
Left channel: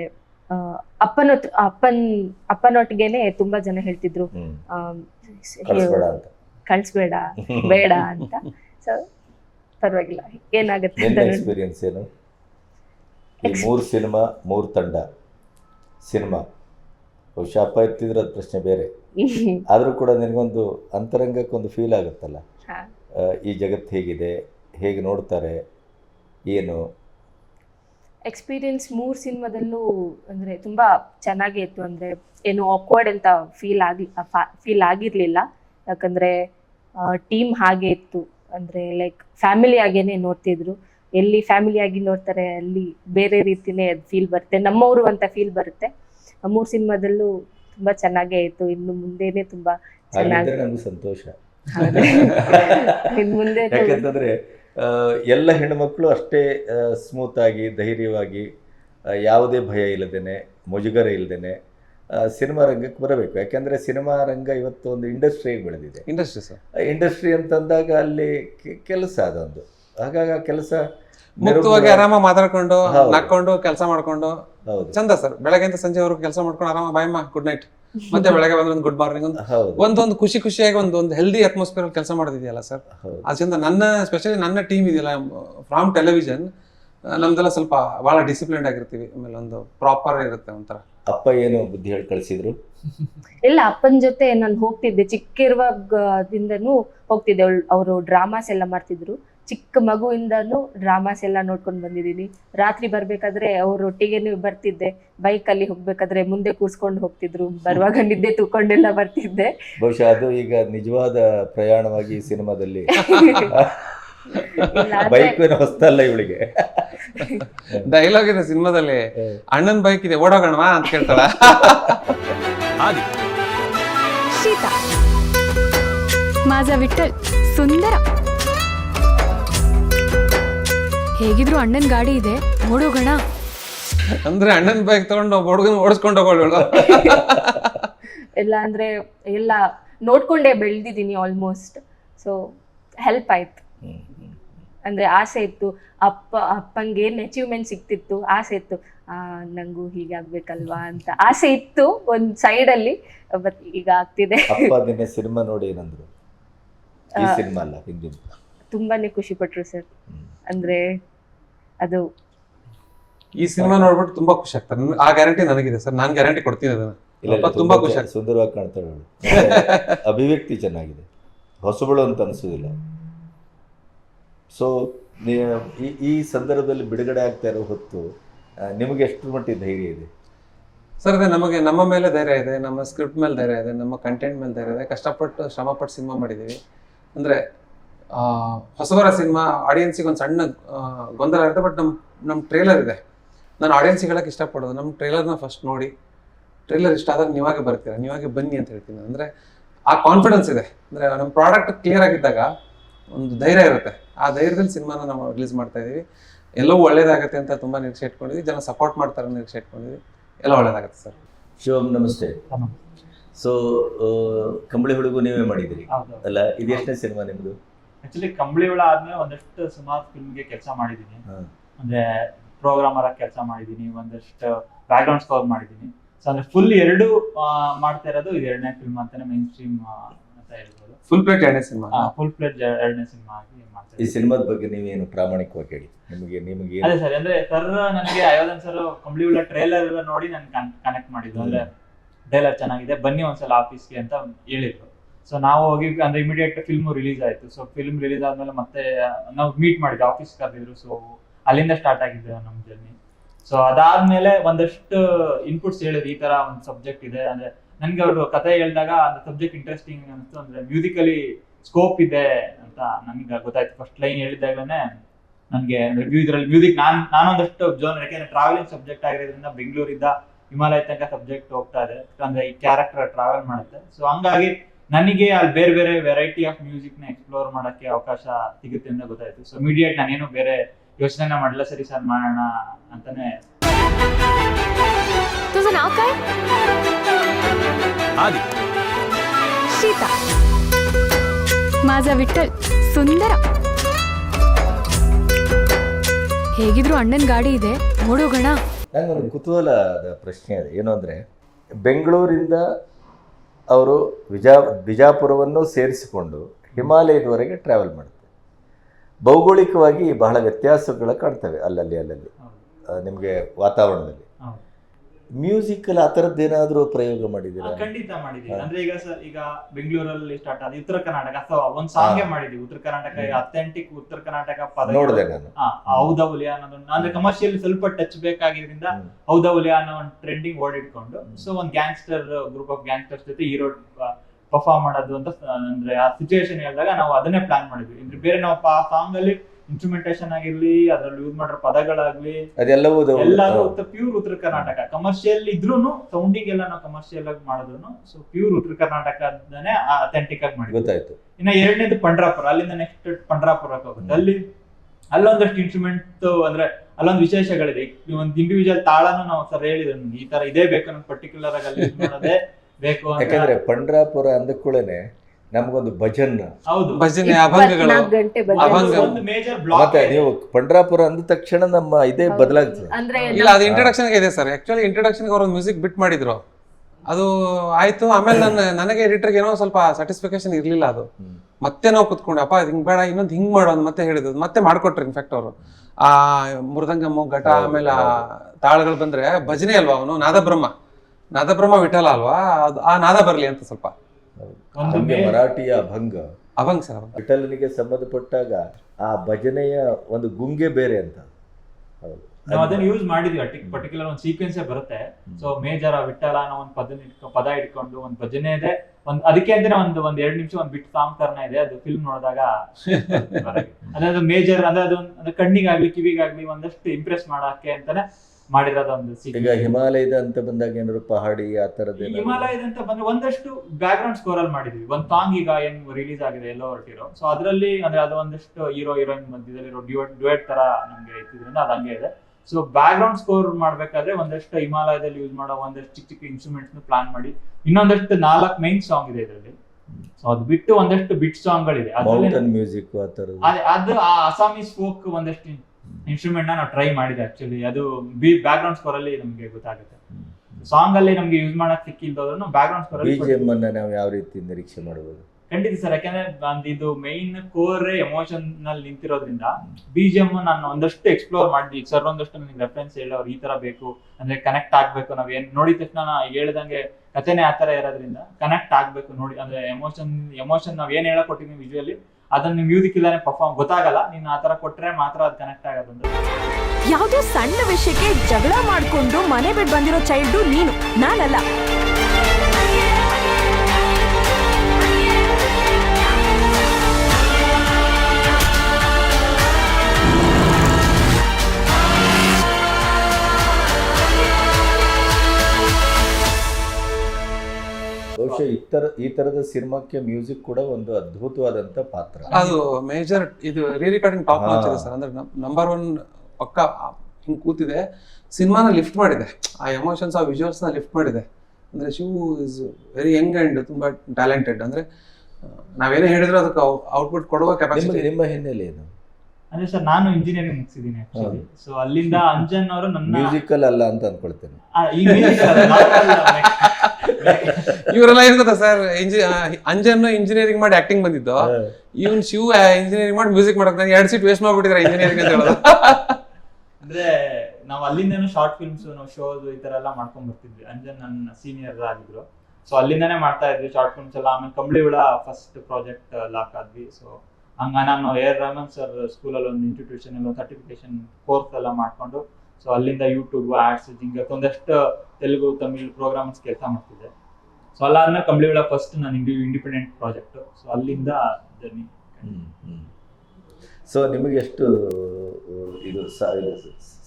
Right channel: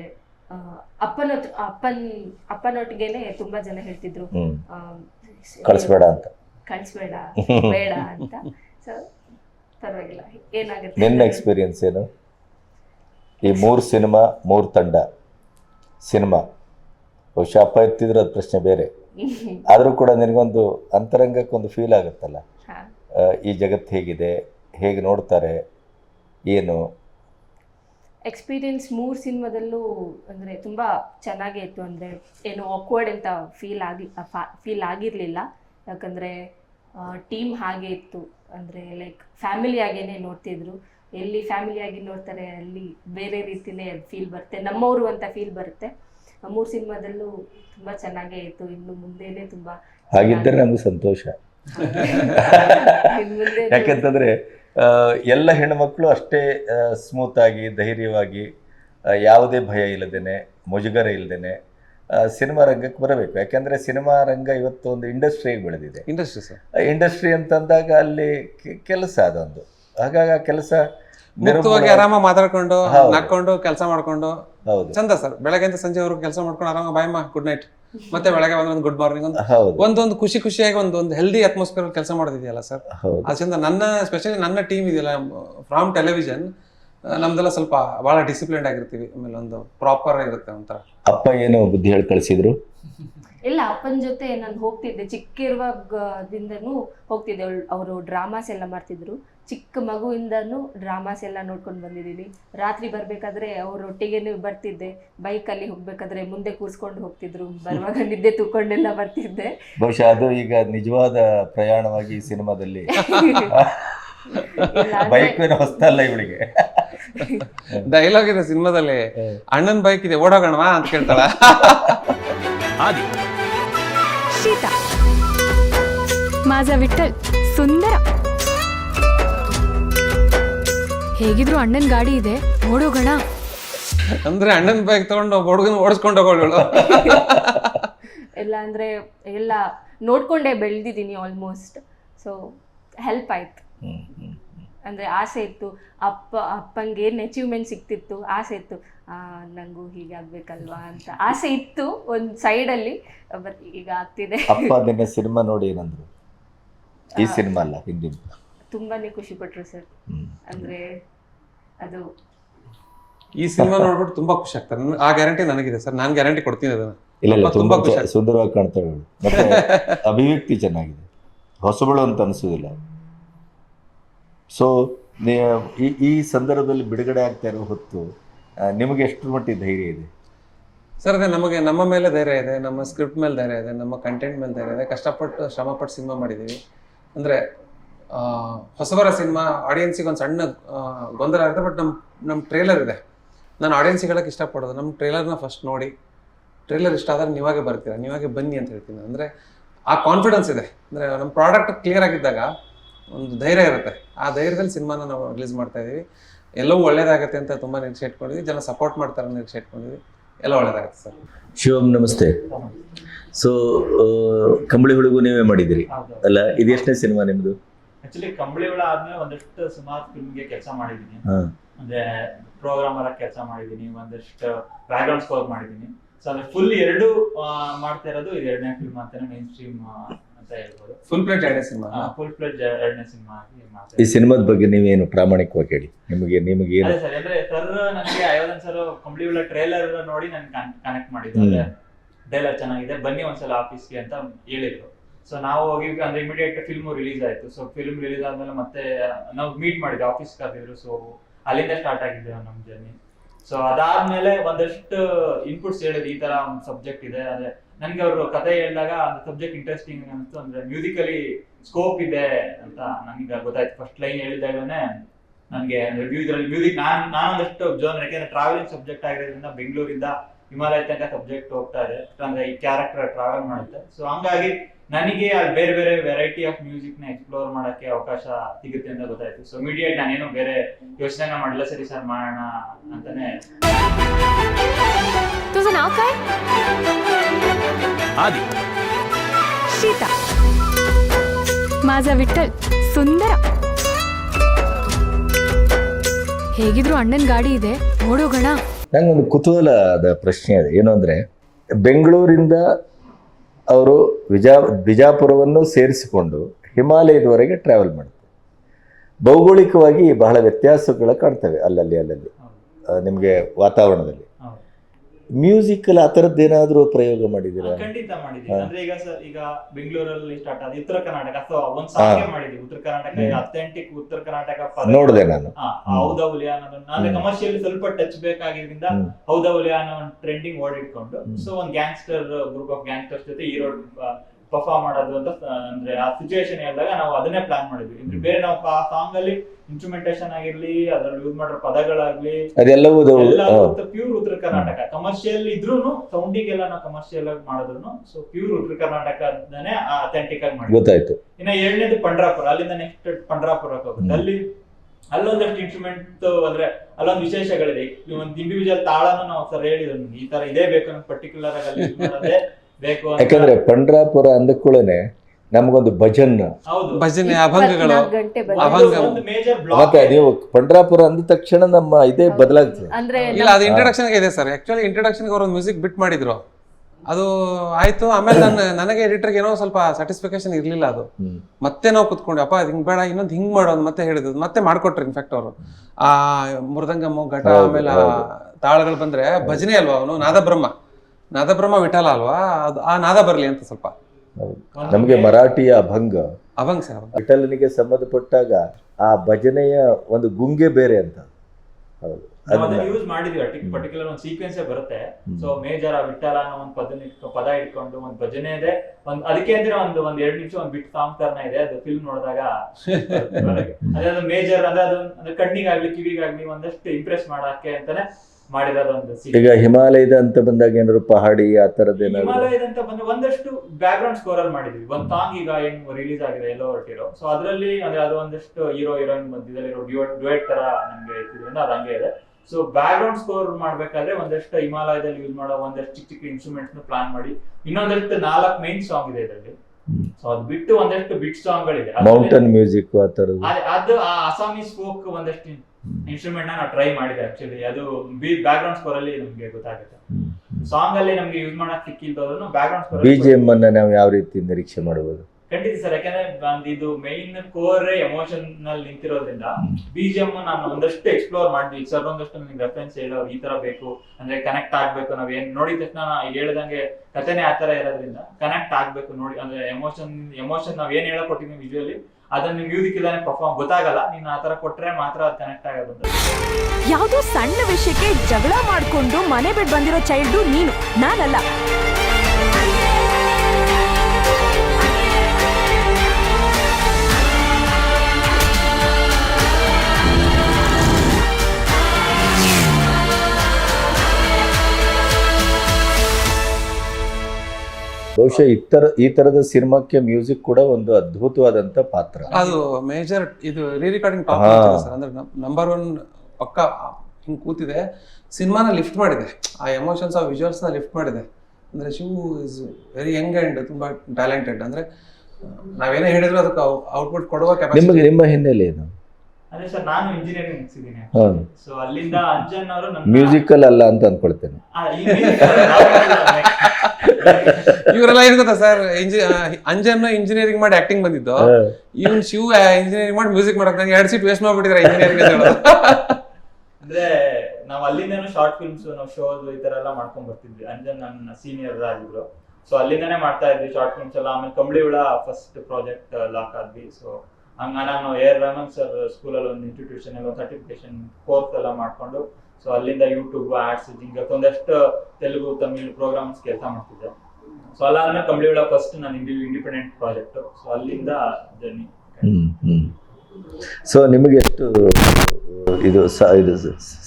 ಆ, ಅಪ್ಪನೊತ್ ಅಪ್ಪನ್ ಅಪ್ಪನೊಟ್ಟಿಗೆನೆ ತುಂಬಾ ಜನ ಹೇಳ್ತಿದ್ರು. ಕಳ್ಸ್ಬೇಡ ಬೇಡ ಅಂತ. ಸೊ ಪರವಾಗಿಲ್ಲ. ಏನಾಗುತ್ತೆ ನಿನ್ನ ಎಕ್ಸ್ಪೀರಿಯನ್ಸ್ ಏನು? ಈ ಮೂರು ಸಿನಿಮಾ ಮೂರು ತಂಡ. ಸಿನಿಮಾ. ಬಹುಶಃ ಅಪ್ಪ ಎತ್ತಿದ್ರೆ ಅದು ಪ್ರಶ್ನೆ ಬೇರೆ. ಆದರೂ ಕೂಡ ನಿನಗೊಂದು ಅಂತರಂಗಕ್ಕೊಂದು ಫೀಲ್ ಆಗುತ್ತಲ್ಲ? ಈ ಜಗತ್ತು ಹೇಗಿದೆ? ಹೇಗೆ ನೋಡ್ತಾರೆ? ಏನು? ಎಕ್ಸ್ಪೀರಿಯನ್ಸ್ ಮೂರು ಸಿನಿಮಾದಲ್ಲೂ ಅಂದರೆ ತುಂಬ ಚೆನ್ನಾಗೇ ಇತ್ತು. ಅಂದರೆ ಏನು ಆಕ್ವರ್ಡ್ ಅಂತ ಫೀಲ್ ಆಗಿ ಫೀಲ್ ಆಗಿರಲಿಲ್ಲ. ಯಾಕಂದರೆ ಟೀಮ್ ಹಾಗೆ ಇತ್ತು. ಅಂದರೆ ಲೈಕ್ ಫ್ಯಾಮಿಲಿ ಆಗೇನೆ ನೋಡ್ತಿದ್ರು. ಎಲ್ಲಿ ಫ್ಯಾಮಿಲಿ ಆಗಿ ನೋಡ್ತಾರೆ ಅಲ್ಲಿ ಬೇರೆ ರೀತಿನೇ ಫೀಲ್ ಬರುತ್ತೆ. ನಮ್ಮವರು ಅಂತ ಫೀಲ್ ಬರುತ್ತೆ. ಮೂರು ಸಿನಿಮಾದಲ್ಲೂ ತುಂಬಾ ಚೆನ್ನಾಗೇ ಇತ್ತು. ಇನ್ನು ಮುಂದೆನೆ ತುಂಬಾ ಹಾಗಿದ್ದರೆ ನಮ್ಗೆ ಸಂತೋಷ. ಇನ್ನು ಮುಂದೆ ಯಾಕಂತಂದ್ರೆ ಎಲ್ಲ ಹೆಣ್ಣುಮಕ್ಕಳು ಅಷ್ಟೇ ಸ್ಮೂತ್ ಆಗಿ ಧೈರ್ಯವಾಗಿ ಯಾವುದೇ ಭಯ ಇಲ್ಲದೇನೆ ಮುಜುಗರ ಇಲ್ಲದೇನೆ ಸಿನಿಮಾ ರಂಗಕ್ಕೆ ಬರಬೇಕು. ಯಾಕಂದ್ರೆ ಸಿನಿಮಾ ರಂಗ ಇವತ್ತು ಒಂದು ಇಂಡಸ್ಟ್ರಿ ಬೆಳೆದಿದೆ. Industry sir. ಇಂಡಸ್ಟ್ರಿ ಅಂತಂದಾಗ ಅಲ್ಲಿ ಕೆಲಸ ಅದೊಂದು. ಹಾಗಾಗಿ ಆ ಕೆಲಸ ಮುಕ್ತವಾಗಿ ಆರಾಮ ಮಾತಾಡ್ಕೊಂಡು. ನಕ್ಕೊಂಡು ಕೆಲಸ ಮಾಡ್ಕೊಂಡು. ಚಂದ ಸರ್. ಬೆಳಗ್ಗೆಯಿಂದ ಸಂಜೆವರೆಗೂ ಕೆಲಸ ಮಾಡ್ಕೊಂಡು ಆರಾಮ ಬಾಯಮ್ಮ ಗುಡ್ ನೈಟ್ ಮತ್ತೆ ಬೆಳಗ್ಗೆ ಬಂದ್ರೆ ಒಂದು ಗುಡ್ ಮಾರ್ನಿಂಗ್ ಒಂದು ಒಂದೊಂದು ಖುಷಿ ಖುಷಿಯಾಗಿ ಒಂದು ಒಂದು ಹೆಲ್ದಿ ಅಟ್ಮಾಸ್ಫಿಯರ್ ಕೆಲಸ ಮಾಡೋದಿದೆಯಲ್ಲ ಸರ್. ಆ ಅದರಿಂದ ನನ್ನ ಸ್ಪೆಷಲಿ ನನ್ನ ಟೀಮ್ ಇದೆಯಲ್ಲ ಫ್ರಾಮ್ ಟೆಲಿವಿಷನ್ ನಮ್ದೆಲ್ಲ ಸ್ವಲ್ಪ ಭಾಳ ಡಿಸಿಪ್ಲಿನ್ ಆಗಿರ್ತೀವಿ. ಆಮೇಲೆ ಒಂದು ಪ್ರಾಪರ್ ಇರುತ್ತೆ ಒಂಥರ. ಅಪ್ಪ ಏನು ಬುದ್ಧಿ ಹೇಳಿ ಕಳಿಸಿದ್ರು. ಇಲ್ಲ ಅಪ್ಪನ ಜೊತೆ ನಾನು ಹೋಗ್ತಿದ್ದೆ. ಚಿಕ್ಕಿರುವಾಗಿಂದನೂ ಹೋಗ್ತಿದ್ದೆ. ಅವರು ಡ್ರಾಮಾಸ್ ಎಲ್ಲ ಮಾಡ್ತಿದ್ರು. ಚಿಕ್ಕ ಮಗುವಿಂದನು ಡ್ರಾಮಾಸ್ ಎಲ್ಲ ನೋಡ್ಕೊಂಡು ಬಂದಿದ್ದೀನಿ. ರಾತ್ರಿ ಬರ್ಬೇಕಾದ್ರೆ ಅವ್ರೊಟ್ಟಿಗೆ ಬರ್ತಿದ್ದೆ. ಬೈಕಲ್ಲಿ ಹೋಗ್ಬೇಕಾದ್ರೆ ಮುಂದೆ ಕೂರ್ಸ್ಕೊಂಡು ಹೋಗ್ತಿದ್ರು. ಬರುವಾಗ ನಿದ್ದೆ ತೂಕೊಂಡೆಲ್ಲ ಬರ್ತಿದ್ದೆ. ಬಹುಶಃ ಅದು ಈಗ ನಿಜವಾದ ಪ್ರಯಾಣವಾಗಿ ಸಿನಿಮಾದಲ್ಲಿ. ಬೈಕ್ ಏನು ಹೊಸ್ತಲ್ಲ ಇವಳಿಗೆ. ಡೈಲಾಗ್ ಇದೆ ಸಿನಿಮಾದಲ್ಲಿ ಅಣ್ಣನ ಬೈಕ್ ಇದೆ ಓಡೋಗೋಣವಾ ಅಂತ ಕೇಳ್ತಾಳ. ಶೀತ. ಮಾಜಾ ವಿಠಲ್ ಸುಂದರ. ಹೇಗಿದ್ರು ಅಣ್ಣನ ಗಾಡಿ ಇದೆ ಓಡೋಗಣ. ಅಂದ್ರೆ ಅಣ್ಣನ ಬೈಕ್ ತಗೊಂಡು ಒಬ್ಬ ಹುಡುಗನ ಓಡಿಸ್ಕೊಂಡು ಹೋಗೋಳು ಎಲ್ಲ ಅಂದ್ರೆ ಎಲ್ಲ ನೋಡ್ಕೊಂಡೇ ಬೆಳೆದಿದ್ದೀನಿ ಆಲ್ಮೋಸ್ಟ್ ಸೊ ಹೆಲ್ಪ್ ಆಯ್ತು. ಅಂದ್ರೆ ಆಸೆ ಇತ್ತು. ಅಪ್ಪ ಅಪ್ಪಂಗೆ ಏನ್ ಅಚೀವ್ಮೆಂಟ್ ಸಿಕ್ತಿತ್ತು. ಆಸೆ ಇತ್ತು. ಆ ನಂಗೂ ಹೀಗಾಗ್ಬೇಕಲ್ವಾ ಅಂತ ಆಸೆ ಇತ್ತು ಒಂದ್ ಸೈಡ್ ಅಲ್ಲಿ ಬಟ್ ಈಗ ಆಗ್ತಿದೆ. ಅಪ್ಪ ನಿನ್ನೆ ಸಿನಿಮಾ ನೋಡಿ ಏನಂದ್ರು? ಈ ಸಿನಿಮಾ ಅಲ್ಲ ಹಿಂದಿನ ತುಂಬಾನೇ ಖುಷಿ ಪಟ್ರು ಸರ್. ಅಂದ್ರೆ ಅದು ಈ ಸಿನಿಮಾ ನೋಡ್ಬಿಟ್ಟು ತುಂಬಾ ಖುಷಿ ಆಗ್ತಾರೆ. ನನ್ಗೆ ಆ ಗ್ಯಾರಂಟಿ ನನಗಿದೆ ಸರ್. ನಾನು ಗ್ಯಾರಂಟಿ ಕೊಡ್ತೀನಿ ಅದನ್ನ. ಇಲ್ಲ ತುಂಬಾ ತುಂಬಾ ಖುಷಿ ಆಗ್ತಾರೆ. ಸುಂದರವಾಗಿ ಕಾಣ್ತಾರೆ ಅಭಿವ್ಯಕ್ತಿ ಚೆನ್ನಾಗಿದೆ. ಹೊಸಬಳು ಅಂತ ಅನಿಸೋದಿಲ್ಲ. ಸೊ ಈ ಈ ಸಂದರ್ಭದಲ್ಲಿ ಬಿಡುಗಡೆ ಆಗ್ತಾ ಇರೋ ಹೊತ್ತು ನಿಮಗೆ ಎಷ್ಟು ಮಟ್ಟಿಗೆ ಧೈರ್ಯ ಇದೆ? ಸರ್, ಅದೇ ನಮಗೆ ನಮ್ಮ ಮೇಲೆ ಧೈರ್ಯ ಇದೆ, ನಮ್ಮ ಸ್ಕ್ರಿಪ್ಟ್ ಮೇಲೆ ಧೈರ್ಯ ಇದೆ, ನಮ್ಮ ಕಂಟೆಂಟ್ ಮೇಲೆ ಧೈರ್ಯ ಇದೆ. ಕಷ್ಟಪಟ್ಟು ಶ್ರಮಪಟ್ಟು ಸಿನಿಮಾ ಮಾಡಿದ್ದೀವಿ. ಅಂದರೆ ಹೊಸಬರ ಸಿನಿಮಾ ಆಡಿಯನ್ಸಿಗೆ ಒಂದು ಸಣ್ಣ ಗೊಂದಲ ಇರುತ್ತೆ ಬಟ್ ನಮ್ಮ ನಮ್ಮ ಟ್ರೇಲರ್ ಇದೆ. ನಾನು ಆಡಿಯನ್ಸಿಗೆ ಹೇಳಕ್ಕೆ ಇಷ್ಟಪಡೋದು. ನಮ್ಮ ಟ್ರೇಲರ್ನ ಫಸ್ಟ್ ನೋಡಿ. ಟ್ರೇಲರ್ ಇಷ್ಟ ಆದರೆ ನೀವಾಗೆ ಬರ್ತೀರಾ? ನೀವಾಗೆ ಬನ್ನಿ ಅಂತ ಹೇಳ್ತೀನಿ. ಅಂದರೆ, ಆ ಕಾನ್ಫಿಡೆನ್ಸ್ ಇದೆ. ಅಂದರೆ, ನಮ್ಮ ಪ್ರಾಡಕ್ಟ್ ಕ್ಲಿಯರ್ ಆಗಿದ್ದಾಗ ಒಂದು ಧೈರ್ಯ ಇರುತ್ತೆ. ಆ ಧೈರ್ಯದಲ್ಲಿ ಸಿನಿಮಾನ ನಾವು ರಿಲೀಸ್ ಮಾಡ್ತಾ ಇದ್ದೀವಿ. ಎಲ್ಲವೂ ಒಳ್ಳೇದಾಗತ್ತೆ ಅಂತ ತುಂಬ ನಿರೀಕ್ಷೆ ಇಟ್ಕೊಂಡಿದ್ವಿ. ಜನ ಸಪೋರ್ಟ್ ಮಾಡ್ತಾರೆ ನಿರೀಕ್ಷೆ ಇಟ್ಕೊಂಡಿದ್ವಿ. ಎಲ್ಲ ಒಳ್ಳೇದಾಗುತ್ತೆ ಸರ್. ಶಿವಮ್ ನಮಸ್ತೆ. ಸೊ ಕಂಬಳಿ ಹುಡುಗು ನೀವೇ ಮಾಡಿದಿರಿ ಅಲ್ಲ ಇದು ಎಷ್ಟನೇ ಸಿನಿಮಾ ನಿಮ್ದು? ಆಕ್ಚುಲಿ ಕಂಬಳಿ ಹುಳ ಆದ್ಮೇಲೆ ಒಂದಷ್ಟು ಸುಮಾರು ಫಿಲ್ಮ್ಗೆ ಕೆಲಸ ಮಾಡಿದ್ದೀನಿ. ಅಂದ್ರೆ ಪ್ರೋಗ್ರಾಮರ್ ಆಗಿ ಕೆಲಸ ಮಾಡಿದ್ದೀನಿ. ಒಂದಷ್ಟು ಬ್ಯಾಕ್ಗ್ರೌಂಡ್ ಸ್ಕೋರ್ ಮಾಡಿದ್ದೀನಿ. ಸೊ ಅಂದ್ರೆ ಫುಲ್ ಎರಡು ಮಾಡ್ತಾ ಇರೋದು ಇದು ಎರಡನೇ ಫಿಲ್ಮ್ ಅಂತಾನೆ ಮೈನ್ ಸ್ಟ್ರೀಮ್ ಅಂತ ಹೇಳ್ಬೋದು. ಫುಲ್ ಪ್ಲೇಟ್ ಎರಡನೇ ಸಿನಿಮಾ ಫುಲ್ ಪ್ಲೇಟ್ ಎರಡನೇ ಸಿನಿಮಾ ಆಗಿ ಈ. ಸಿನಿಮಾದ ಬಗ್ಗೆ ನೀವೇನು ಪ್ರಾಮಾಣಿಕವಾಗಿ ಹೇಳಿ? ನಿಮಗೆ ನಿಮಗೆ ಅದೇ ಸರ್ ಅಂದ್ರೆ ಸರ್ ನನಗೆ ಅಯೋಧನ್ ಸರ್ ಕಂಬಳಿ ಉಳ್ಳ ಟ್ರೇಲರ್ ನೋಡಿ ನನ್ ಕನೆಕ್ಟ್ ಮಾಡಿದ್ರು ಅಂದ್ರೆ ಟ್ರೇಲರ್ ಚೆನ್ನಾಗಿದೆ ಬನ್ನಿ ಒಂದ್ಸಲ ಆಫೀಸ್ಗೆ ಅಂತ ಹೇಳಿದ್ರು. ಸೊ ನಾವು ಹೋಗಿ ಅಂದ್ರೆ ಇಮಿಡಿಯೇಟ್ ಫಿಲ್ಮ್ ರಿಲೀಸ್ ಆಯ್ತು. ಸೊ ಫಿಲ್ಮ್ ರಿಲೀಸ್ ಆದ್ಮೇಲೆ ಮತ್ತೆ ನಾವು ಮೀಟ್ ಮಾಡಿದ್ವಿ ಆಫೀಸ್ ಕರೆದಿದ್ರು ಸೊ ಅಲ್ಲಿಂದ ಸ್ಟಾರ್ಟ್ ಆಗಿದ್ದೇವೆ ನಮ್ಮ ಜರ್ನಿ ಸೊ ಅದಾದ್ಮೇಲೆ ಒಂದಷ್ಟು ಇನ್ಪುಟ್ಸ್ ಹೇಳಿದ್ರು ಈ ತರ ಒಂದು ಸಬ್ಜೆಕ್ಟ್ ಇದೆ. ಅಂದ್ರೆ ನನಗೆ ಅವರು ಕತೆ ಹೇಳಿದಾಗ ಅದು ಸಬ್ಜೆಕ್ಟ್ ಇಂಟ್ರೆಸ್ಟಿಂಗ್ ಅನಿಸ್ತು ಅಂದ್ರೆ ಮ್ಯೂಸಿಕಲಿ ಸ್ಕೋಪ್ ಇದೆ ಅಂತ ನನಗೆ ಗೊತ್ತಾಯ್ತು. ಫಸ್ಟ್ ಲೈನ್ ಹೇಳಿದಾಗಲೇ ನನಗೆ, ಅಂದ್ರೆ ಇದರಲ್ಲಿ ಮ್ಯೂಸಿಕ್ ನಾನು, ನಾನೊಂದಷ್ಟು ಜೋನ್ ಯಾಕೆಂದ್ರೆ ಟ್ರಾವೆಲಿಂಗ್ ಸಬ್ಜೆಕ್ಟ್ ಆಗಿರೋದ್ರಿಂದ ಬೆಂಗಳೂರಿಂದ ಹಿಮಾಲಯ ತನಕ ಸಬ್ಜೆಕ್ಟ್ ಹೋಗ್ತಾ ಇದೆ. ಅಂದ್ರೆ ಈ ಕ್ಯಾರೆಕ್ಟರ್ ಟ್ರಾವೆಲ್ ಮಾಡುತ್ತೆ. ಸೊ ಹಂಗಾಗಿ ನನಗೆ ಅಲ್ಲಿ ಬೇರೆ ಬೇರೆ ವೆರೈಟಿ ಆಫ್ ಮ್ಯೂಸಿಕ್ ನ ಎಕ್ಸ್ಪ್ಲೋರ್ ಮಾಡಕ್ಕೆ ಅವಕಾಶ ಸಿಗುತ್ತೆ ಅಂತ ಗೊತ್ತಾಯ್ತು ಸೊ ಇಮಿಡಿಯೇಟ್ ನಾನೇನು ಬೇರೆ ಯೋಚನೆ ಮಾಡಿಲ್ಲ ಸರಿ ಸರ್ ಮಾಡೋಣ ಅಂತಾನೆ तुझं नाव काय आदि शीता माझा विठ्ठल ಸುಂದರ ಹೇಗಿದ್ರು ಅಣ್ಣನ ಗಾಡಿ ಇದೆ ಓಡೋಗೋಣ ನಂಗೊಂದು ಕುತೂಹಲದ ಪ್ರಶ್ನೆ ಇದೆ ಏನು ಅಂದರೆ ಬೆಂಗಳೂರಿಂದ ಅವರು ವಿಜಾ ಬಿಜಾಪುರವನ್ನು ಸೇರಿಸಿಕೊಂಡು ಹಿಮಾಲಯದವರೆಗೆ ಟ್ರಾವೆಲ್ ಮಾಡ್ತಾರೆ ಭೌಗೋಳಿಕವಾಗಿ ಬಹಳ ವ್ಯತ್ಯಾಸಗಳು ಕಾಣ್ತವೆ ಅಲ್ಲಲ್ಲಿ ಅಲ್ಲಲ್ಲಿ. ನಿಮಗೆ ವಾತಾವರಣದಲ್ಲಿ. ಹೌದು ಮ್ಯೂಸಿಕಲ್ಲಿ ಆ ಥರದ್ದು ಏನಾದರೂ ಪ್ರಯೋಗ ಮಾಡಿದಿರಾ ಮಾಡಿದ್ದೀರಾ ಖಂಡಿತ ಮಾಡಿದೀವಿ ಅಂದ್ರೆ ಈಗ ಸರ್ ಈಗ ಬೆಂಗಳೂರಲ್ಲಿ ಸ್ಟಾರ್ಟ್ ಆದ ಉತ್ತರ ಕರ್ನಾಟಕ ಅಥವಾ ಒಂದ್ ಸಾಂಗ್ ಮಾಡಿದ್ವಿ ಉತ್ತರ ಕರ್ನಾಟಕ. ಅಥೆಂಟಿಕ್ ಉತ್ತರ ಕರ್ನಾಟಕ ನೋಡಿದೆ ನಾನು. ಹಾ ಹೌದಾ ಹುಲಿಯ ಅನ್ನೋದನ್ನ. ಅಂದ್ರೆ ಕಮರ್ಷಿಯಲ್ ಸ್ವಲ್ಪ ಟಚ್ ಬೇಕಾಗಿದ್ರಿಂದ ಹ್ಮ್. ಹೌದಾ ಹುಲಿಯ ಅನ್ನೋ ಒಂದು ಟ್ರೆಂಡಿಂಗ್ ಓಡಿಟ್ಕೊಂಡು ಇಟ್ಕೊಂಡು ಸೊ ಒಂದ್ ಗ್ಯಾಂಗ್ಸ್ಟರ್ ಗ್ರೂಪ್ ಆಫ್ ಗ್ಯಾಂಗ್ಸ್ಟರ್ಸ್ ಜೊತೆ ಹೀರೋ ಪರ್ಫಾರ್ಮ್ ಮಾಡೋದು ಅಂತ ಅಂದ್ರೆ ಆ ಸಿಚುವೇಶನ್ ಹೇಳಿದಾಗ ನಾವು ಅದನ್ನೇ ಪ್ಲಾನ್ ಮಾಡಿದ್ವಿ. ಅಂದ್ರೆ ಬೇರೆ ನಾವು ಆ ಸಾಂಗ್ ಅಲ್ಲಿ ಇನ್ಸ್ಟ್ರುಮೆಂಟೇಶನ್ ಆಗಿರ್ಲಿ ಅದ್ರಲ್ಲಿ ಯೂಸ್ ಮಾಡಿರೋ ಪದಗಳಾಗ್ಲಿ ಅದೆಲ್ಲವೂ ಅದು- ಪ್ಯೂರ್ ಉತ್ತರ ಕರ್ನಾಟಕ. ಕಮರ್ಷಿಯಲ್ ಇದ್ರೂನು ಸೌಂಡಿಂಗ್ ಎಲ್ಲ ನಾವು ಕಮರ್ಷಿಯಲ್ ಆಗಿ ಮಾಡಿದ್ರು ಸೊ ಪ್ಯೂರ್ ಉತ್ತರ ಕರ್ನಾಟಕದನೇ ಅಥೆಂಟಿಕ್ ಆಗಿ ಮಾಡಿದ್ವಿ. ಗೊತ್ತಾಯ್ತು. ಇನ್ನ ಎರಡನೇದು ಪಂಡ್ರಾಪುರ ಅಲ್ಲಿಂದ ನೆಕ್ಸ್ಟ್ ಪಂಡ್ರಾಪುರಕ್ಕೆ ಹೋಗುತ್ತೆ. ಅಲ್ಲಿ ಅಲ್ಲೊಂದಷ್ಟು ಇನ್ಸ್ಟ್ರೂಮೆಂಟ್ ಅಂದ್ರೆ ಅಲ್ಲೊಂದು ವಿಶೇಷಗಳಿದೆ. ಒಂದು ಇಂಡಿವಿಜುವಲ್ ತಾಳನು ನಾವು ಸರ್ ಹೇಳಿದ್ರು ಈ ತರ ಇದೇ ಬೇಕು ನಮ್ಗೆ ಪರ್ಟಿಕ್ಯುಲರ್ ಆಗಿ ಯಾಕಂದ್ರೆ ಪಂಡ್ರಾಪುರ ಅಂದಕೂಡಲೇ ನಮಗೊಂದು ಭಜನ್. ಹೌದು. ಭಜನೆ ಅಭಂಗಗಳು. ಅಭಂಗ. ಮತ್ತೆ ನೀವು ಪಂಡ್ರಾಪುರ ಅಂದ ತಕ್ಷಣ ನಮ್ಮ ಇದೇ. ಬದಲಾಗ್ತದೆ. ಇಲ್ಲ ಅದು ಇಂಟ್ರಡಕ್ಷನ್ ಇದೆ ಸರ್. ಆಕ್ಚುಲಿ ಇಂಟ್ರಡಕ್ಷನ್ ಅವ್ರ ಒಂದು ಮ್ಯೂಸಿಕ್ ಬಿಟ್ ಮಾಡಿದ್ರು. ಅದು ಆಯ್ತು ಆಮೇಲೆ ನನ್ನ ನನಗೆ ಎಡಿಟರ್ಗೆ ಏನೋ ಸ್ವಲ್ಪ ಸ್ಯಾಟಿಸ್ಫಿಕೇಶನ್ ಇರಲಿಲ್ಲ ಅದು. ಮತ್ತೆ ನಾವು ಕುತ್ಕೊಂಡು ಅಪ್ಪ ಹಿಂಗ್ ಬೇಡ ಇನ್ನೊಂದು ಹಿಂಗ್ ಮಾಡೋ ಅಂತ ಮತ್ತೆ ಹೇಳಿದ್ರು ಮತ್ತೆ ಮಾಡ್ಕೊಟ್ರಿ ಇನ್ಫ್ಯಾಕ್ಟ್ ಅವರು. ಆ ಮೃದಂಗಮ್ಮ ಘಟ ಆಮೇಲೆ ತಾಳಗಳು ಬಂದ್ರೆ ಭಜನೆ ಅಲ್ವಾ ಅವನು? ನಾದಬ್ರಹ್ಮ. ನಾದಬ್ರಹ್ಮ ವಿಠಲ ಅಲ್ವಾ? ಅದು ಆ ನಾದ ಬರ್ಲಿ ಅಂತ ಸ್ವಲ್ಪ. ನಮಗೆ ಮರಾಠಿಯ ಅಭಂಗ. ಅಭಂಗ ಸರ್ ಅಭಂಗ್. ವಿಠಲನಿಗೆ ಸಂಬಂಧಪಟ್ಟಾಗ ಆ ಭಜನೆಯ ಒಂದು ಗುಂಗೆ ಬೇರೆ ಅಂತ. ಹೌದು. ನಾವು ಅದನ್ನ ಯೂಸ್ ಮಾಡಿದ್ವಿ ಪರ್ಟಿಕ್ಯುಲರ್ ಒಂದು ಸೀಕ್ವೆನ್ಸ್ ಬರುತ್ತೆ. ಸೊ ಮೇಜರ್ ವಿಠಲ ಅನ್ನೋ ಒಂದು ಪದ ಪದ ಇಟ್ಕೊಂಡು ಒಂದು ಭಜನೆ ಇದೆ. ಒಂದ್ ಅದಕ್ಕೆ ಅಂದ್ರೆ ಒಂದು ಒಂದ್ ಎರಡ್ ನಿಮಿಷ ಒಂದ್ ಬಿಟ್ ಸಾಂಗ್ ತರನ ಇದೆ. ಅದು ಫಿಲ್ಮ್ ನೋಡಿದಾಗ ಅದೇ ಅದು ಮೇಜರ್ ಅಂದ್ರೆ ಅದು ಅಂದ್ರೆ ಕಣ್ಣಿಗಾಗ್ಲಿ ಕಿವಿಗಾಗ್ಲಿ ಒಂದಷ್ಟು ಇಂಪ್ರೆಸ್ ಮಾಡಕ್ಕೆ ಅಂತಾನೆ ಮಾಡಿರೋದೊಂದು ಈಗ ಹಿಮಾಲಯದ ಅಂತ ಬಂದಾಗ ಏನಾದ್ರು ಪಹಾಡಿ ಆ ತರದ ಹಿಮಾಲಯದ ಅಂತ ಬಂದ್ರೆ ಒಂದಷ್ಟು ಬ್ಯಾಕ್ ಗ್ರೌಂಡ್ ಸ್ಕೋರ್ ಅಲ್ಲಿ ಮಾಡಿದ್ವಿ. ಒಂದ್ ಸಾಂಗ್ ಈಗ ಏನ್ ರಿಲೀಸ್ ಆಗಿದೆ ಎಲ್ಲೋ ಹೊರಟಿರೋ. ಸೊ ಅದ್ರಲ್ಲಿ ಅಂದ್ರೆ ಅದು ಒಂದಷ್ಟು ಹೀರೋ ಹೀರೋಯಿನ್ ಮಧ್ಯದಲ್ಲಿ ಡ್ಯೂಯೆಟ್ ಡ್ಯೂಯೆಟ್ ತರ ನಮ್ಗೆ ಇತ್ತಿದ್ರಿಂದ ಅದು ಹಂಗೆ ಇದೆ. ಸೊ ಬ್ಯಾಕ್ ಗ್ರೌಂಡ್ ಸ್ಕೋರ್ ಮಾಡ್ಬೇಕಾದ್ರೆ ಒಂದಷ್ಟು ಹಿಮಾಲಯದಲ್ಲಿ ಯೂಸ್ ಮಾಡೋ ಒಂದಷ್ಟು ಚಿಕ್ಕ ಚಿಕ್ಕ ಇನ್ಸ್ಟ್ರೂಮೆಂಟ್ಸ್ ಪ್ಲಾನ್ ಮಾಡಿ. ಇನ್ನೊಂದಷ್ಟು ನಾಲ್ಕು ಮೈನ್ ಸಾಂಗ್ ಇದೆ ಇದರಲ್ಲಿ. ಸೊ ಅದು ಬಿಟ್ಟು ಒಂದಷ್ಟು ಬಿಟ್ ಸಾಂಗ್ಗಳಿದೆ ಮೌಂಟನ್ ಮ್ಯೂಸಿಕ್ ಅದು ಆ ಅಸಾಮೀಸ್ ಫೋಕ್ ಒಂದಷ್ಟು ಇನ್ಸ್ಟ್ರೂಮೆಂಟ್ನ ನಾವು ಟ್ರೈ ಮಾಡಿದೆ ಆಕ್ಚುಲಿ ಅದು ಬಿ ಬ್ಯಾಕ್ ಗ್ರೌಂಡ್ ಸ್ಕೋರ್ ಅಲ್ಲಿ ನಮಗೆ ಗೊತ್ತಾಗುತ್ತೆ. ಸಾಂಗ್ ಅಲ್ಲಿ ನಮಗೆ ಯೂಸ್ ಮಾಡಕ್ ಸಿಕ್ಕಿಲ್ದೋದ್ರು background score B G M ಅನ್ನ ನಾವು ಯಾವ ರೀತಿ ನಿರೀಕ್ಷೆ ಮಾಡಬಹುದು ಖಂಡಿತ ಸರ್ ಯಾಕಂದ್ರೆ ಒಂದು ಇದು ಮೈನ್ ಕೋರ್ ಎಮೋಷನ್ನಲ್ಲಿ ನಿಂತಿರೋದ್ರಿಂದ ಬಿಜಿಎಂ ನಾನು ಒಂದಷ್ಟು ಎಕ್ಸ್ಪ್ಲೋರ್ ಮಾಡಿದ್ವಿ ಸರ್ ಒಂದಷ್ಟು ನನಗೆ ರೆಫರೆನ್ಸ್ ಹೇಳೋ ಈ ತರ ಬೇಕು. ಅಂದ್ರೆ ಕನೆಕ್ಟ್ ಆಗ್ಬೇಕು. ನಾವ್ ಏನ್ ನೋಡಿದ ತಕ್ಷಣ ಹೇಳ್ದಂಗೆ ಕಥೆನೇ ಆ ತರ ಇರೋದ್ರಿಂದ ಕನೆಕ್ಟ್ ಆಗ್ಬೇಕು ನೋಡಿ. ಅಂದ್ರೆ ಎಮೋಷನ್ ಎಮೋಷನ್ ನಾವ್ ಏನ್ ಹೇಳಕ್ ಕೊಟ್ಟಿದ್ವಿ ವಿಜುವಲಿ ಅದನ್ನ ಮ್ಯೂಸಿಕ್ ಇಲ್ಲಾನೆ ಪರ್ಫಾರ್ಮ್ ಗೊತ್ತಾಗಲ್ಲ, ನೀನು ಆ ಕೊಟ್ರೆ ಮಾತ್ರ ಅದು ಕನೆಕ್ಟ್ ಆಗೋದು ಯಾವುದೋ ಸಣ್ಣ ವಿಷಯಕ್ಕೆ ಜಗಳ ಮಾಡ್ಕೊಂಡು ಮನೆ ಬಿಟ್ಟು ಬಂದಿರೋ ಚೈಲ್ಡು ನೀನು, ನಾನಲ್ಲ. ಬಹುಶಃ ಈ ತರ ಈ ತರದ ಸಿನಿಮಾಕ್ಕೆ ಮ್ಯೂಸಿಕ್ ಕೂಡ ಒಂದು ಅದ್ಭುತವಾದಂತ ಪಾತ್ರ. ಅದು ಮೇಜರ್ ಇದು ರೀ ರೆಕಾರ್ಡಿಂಗ್ ಟಾಪ್ ಸರ್. ಅಂದ್ರೆ ನಂಬರ್ ಒನ್ ಪಕ್ಕ ಹಿಂಗ್ ಕೂತಿದೆ. ಸಿನಿಮಾನ ಲಿಫ್ಟ್ ಮಾಡಿದೆ. ಆ ಎಮೋಷನ್ಸ್ ಆ ವಿಜುವಲ್ಸ್ನ ಲಿಫ್ಟ್ ಮಾಡಿದೆ. ಅಂದ್ರೆ Shiv is very young and ತುಂಬಾ ಟ್ಯಾಲೆಂಟೆಡ್ ಅಂದ್ರೆ ನಾವೇನೇ ಹೇಳಿದ್ರು ಅದಕ್ಕೆ ಔಟ್ಪುಟ್ ಕೊಡುವ ನಿಮಗೆ ಕೆಪಾಸಿಟಿ ನಿಮ್ಮ ಹಿನ್ನೆಲೆ ಏನು? ಅಂದ್ರೆ ಸರ್ ನಾನು ಇಂಜಿನಿಯರಿಂಗ್ ಮುಗಿಸಿದ್ದೀನಿ. ಸೊ ಅಲ್ಲಿಂದ ಅಂಜನ್ ಅವರು ನನ್ನ ಮ್ಯೂಸಿಕಲ್ ಅಲ್ಲ ಅಂತ ಅನ್ಕೊಳ್ತೇನೆ. ಆ, ಈ music sir, ನಾವು- ಇವರೆಲ್ಲ ಏನ್ ಗೊತ್ತಾ ಸರ್ ಇಂಜಿ ಅಂಜನ್ ಇಂಜಿನಿಯರಿಂಗ್ ಮಾಡಿ ಆಕ್ಟಿಂಗ್ ಬಂದಿದ್ದು. ಇವನ್ ಶಿವ್ ಇಂಜಿನಿಯರಿಂಗ್ ಮಾಡಿ ಮ್ಯೂಸಿಕ್ ಮಾಡಕ್ ನಂಗೆ ಎರಡು ಸೀಟ್ ವೇಸ್ಟ್ ಮಾಡ್ಬಿಟ್ಟಿದ್ರೆ ಇಂಜಿನಿಯರಿಂಗ್ ಅಂತ ಹೇಳೋದು. ಅಂದ್ರೆ ನಾವು ಅಲ್ಲಿಂದನೂ ಶಾರ್ಟ್ ಫಿಲ್ಮ್ಸ್ ನಾವು ಶೋಸ್ ಈ ತರ ಎಲ್ಲ ಮಾಡ್ಕೊಂಡ್ ಬರ್ತಿದ್ವಿ. ಅಂಜನ್ ನನ್ನ ಸೀನಿಯರ್ ಆಗಿದ್ರು. ಸೊ ಅಲ್ಲಿಂದಾನೇ ಮಾಡ್ತಾ ಇದ್ವಿ ಶಾರ್ಟ್ ಫಿಲ್ಮ್ಸ್ ಎಲ್ಲ. ಆಮೇಲೆ Kambali Hula first project lock ಆದ್ವಿ. ಸೊ ಹಂಗ ನಾನು ಎ ರಮನ್ ಸರ್ ಸ್ಕೂಲಲ್ಲಿ ಒಂದು ಇನ್ಸ್ಟಿಟ್ಯೂಷನ್ ಒಂದು ಸರ್ಟಿಫಿಕೇಶನ್ ಕೋರ್ಸ್ ಎಲ್ಲ ಮಾಡ್ಕೊಂಡು ಸೊ ಅಲ್ಲಿಂದ ಯೂಟ್ಯೂಬ್ ಆಡ್ಸ್ ಹಿಂಗೆ ಒಂದಷ್ಟು ತೆಲುಗು ತಮಿಳ್ ಪ್ರೋಗ್ರಾಮ್ಸ್ ಕೆಲಸ ಮಾಡ್ತಿದ್ದೆ. ಸೊ ಅಲ್ಲಾದ್ಮೇಲೆ ಕಂಬಳಿ ಹುಳ ಫಸ್ಟ್ ನಾನು ಇಂಡಿಪೆಂಡೆಂಟ್ ಪ್ರಾಜೆಕ್ಟ್ ಸೊ ಅಲ್ಲಿಂದ ಜರ್ನಿ ಸೊ ನಿಮಗೆ ಎಷ್ಟು ಇದು ಇದು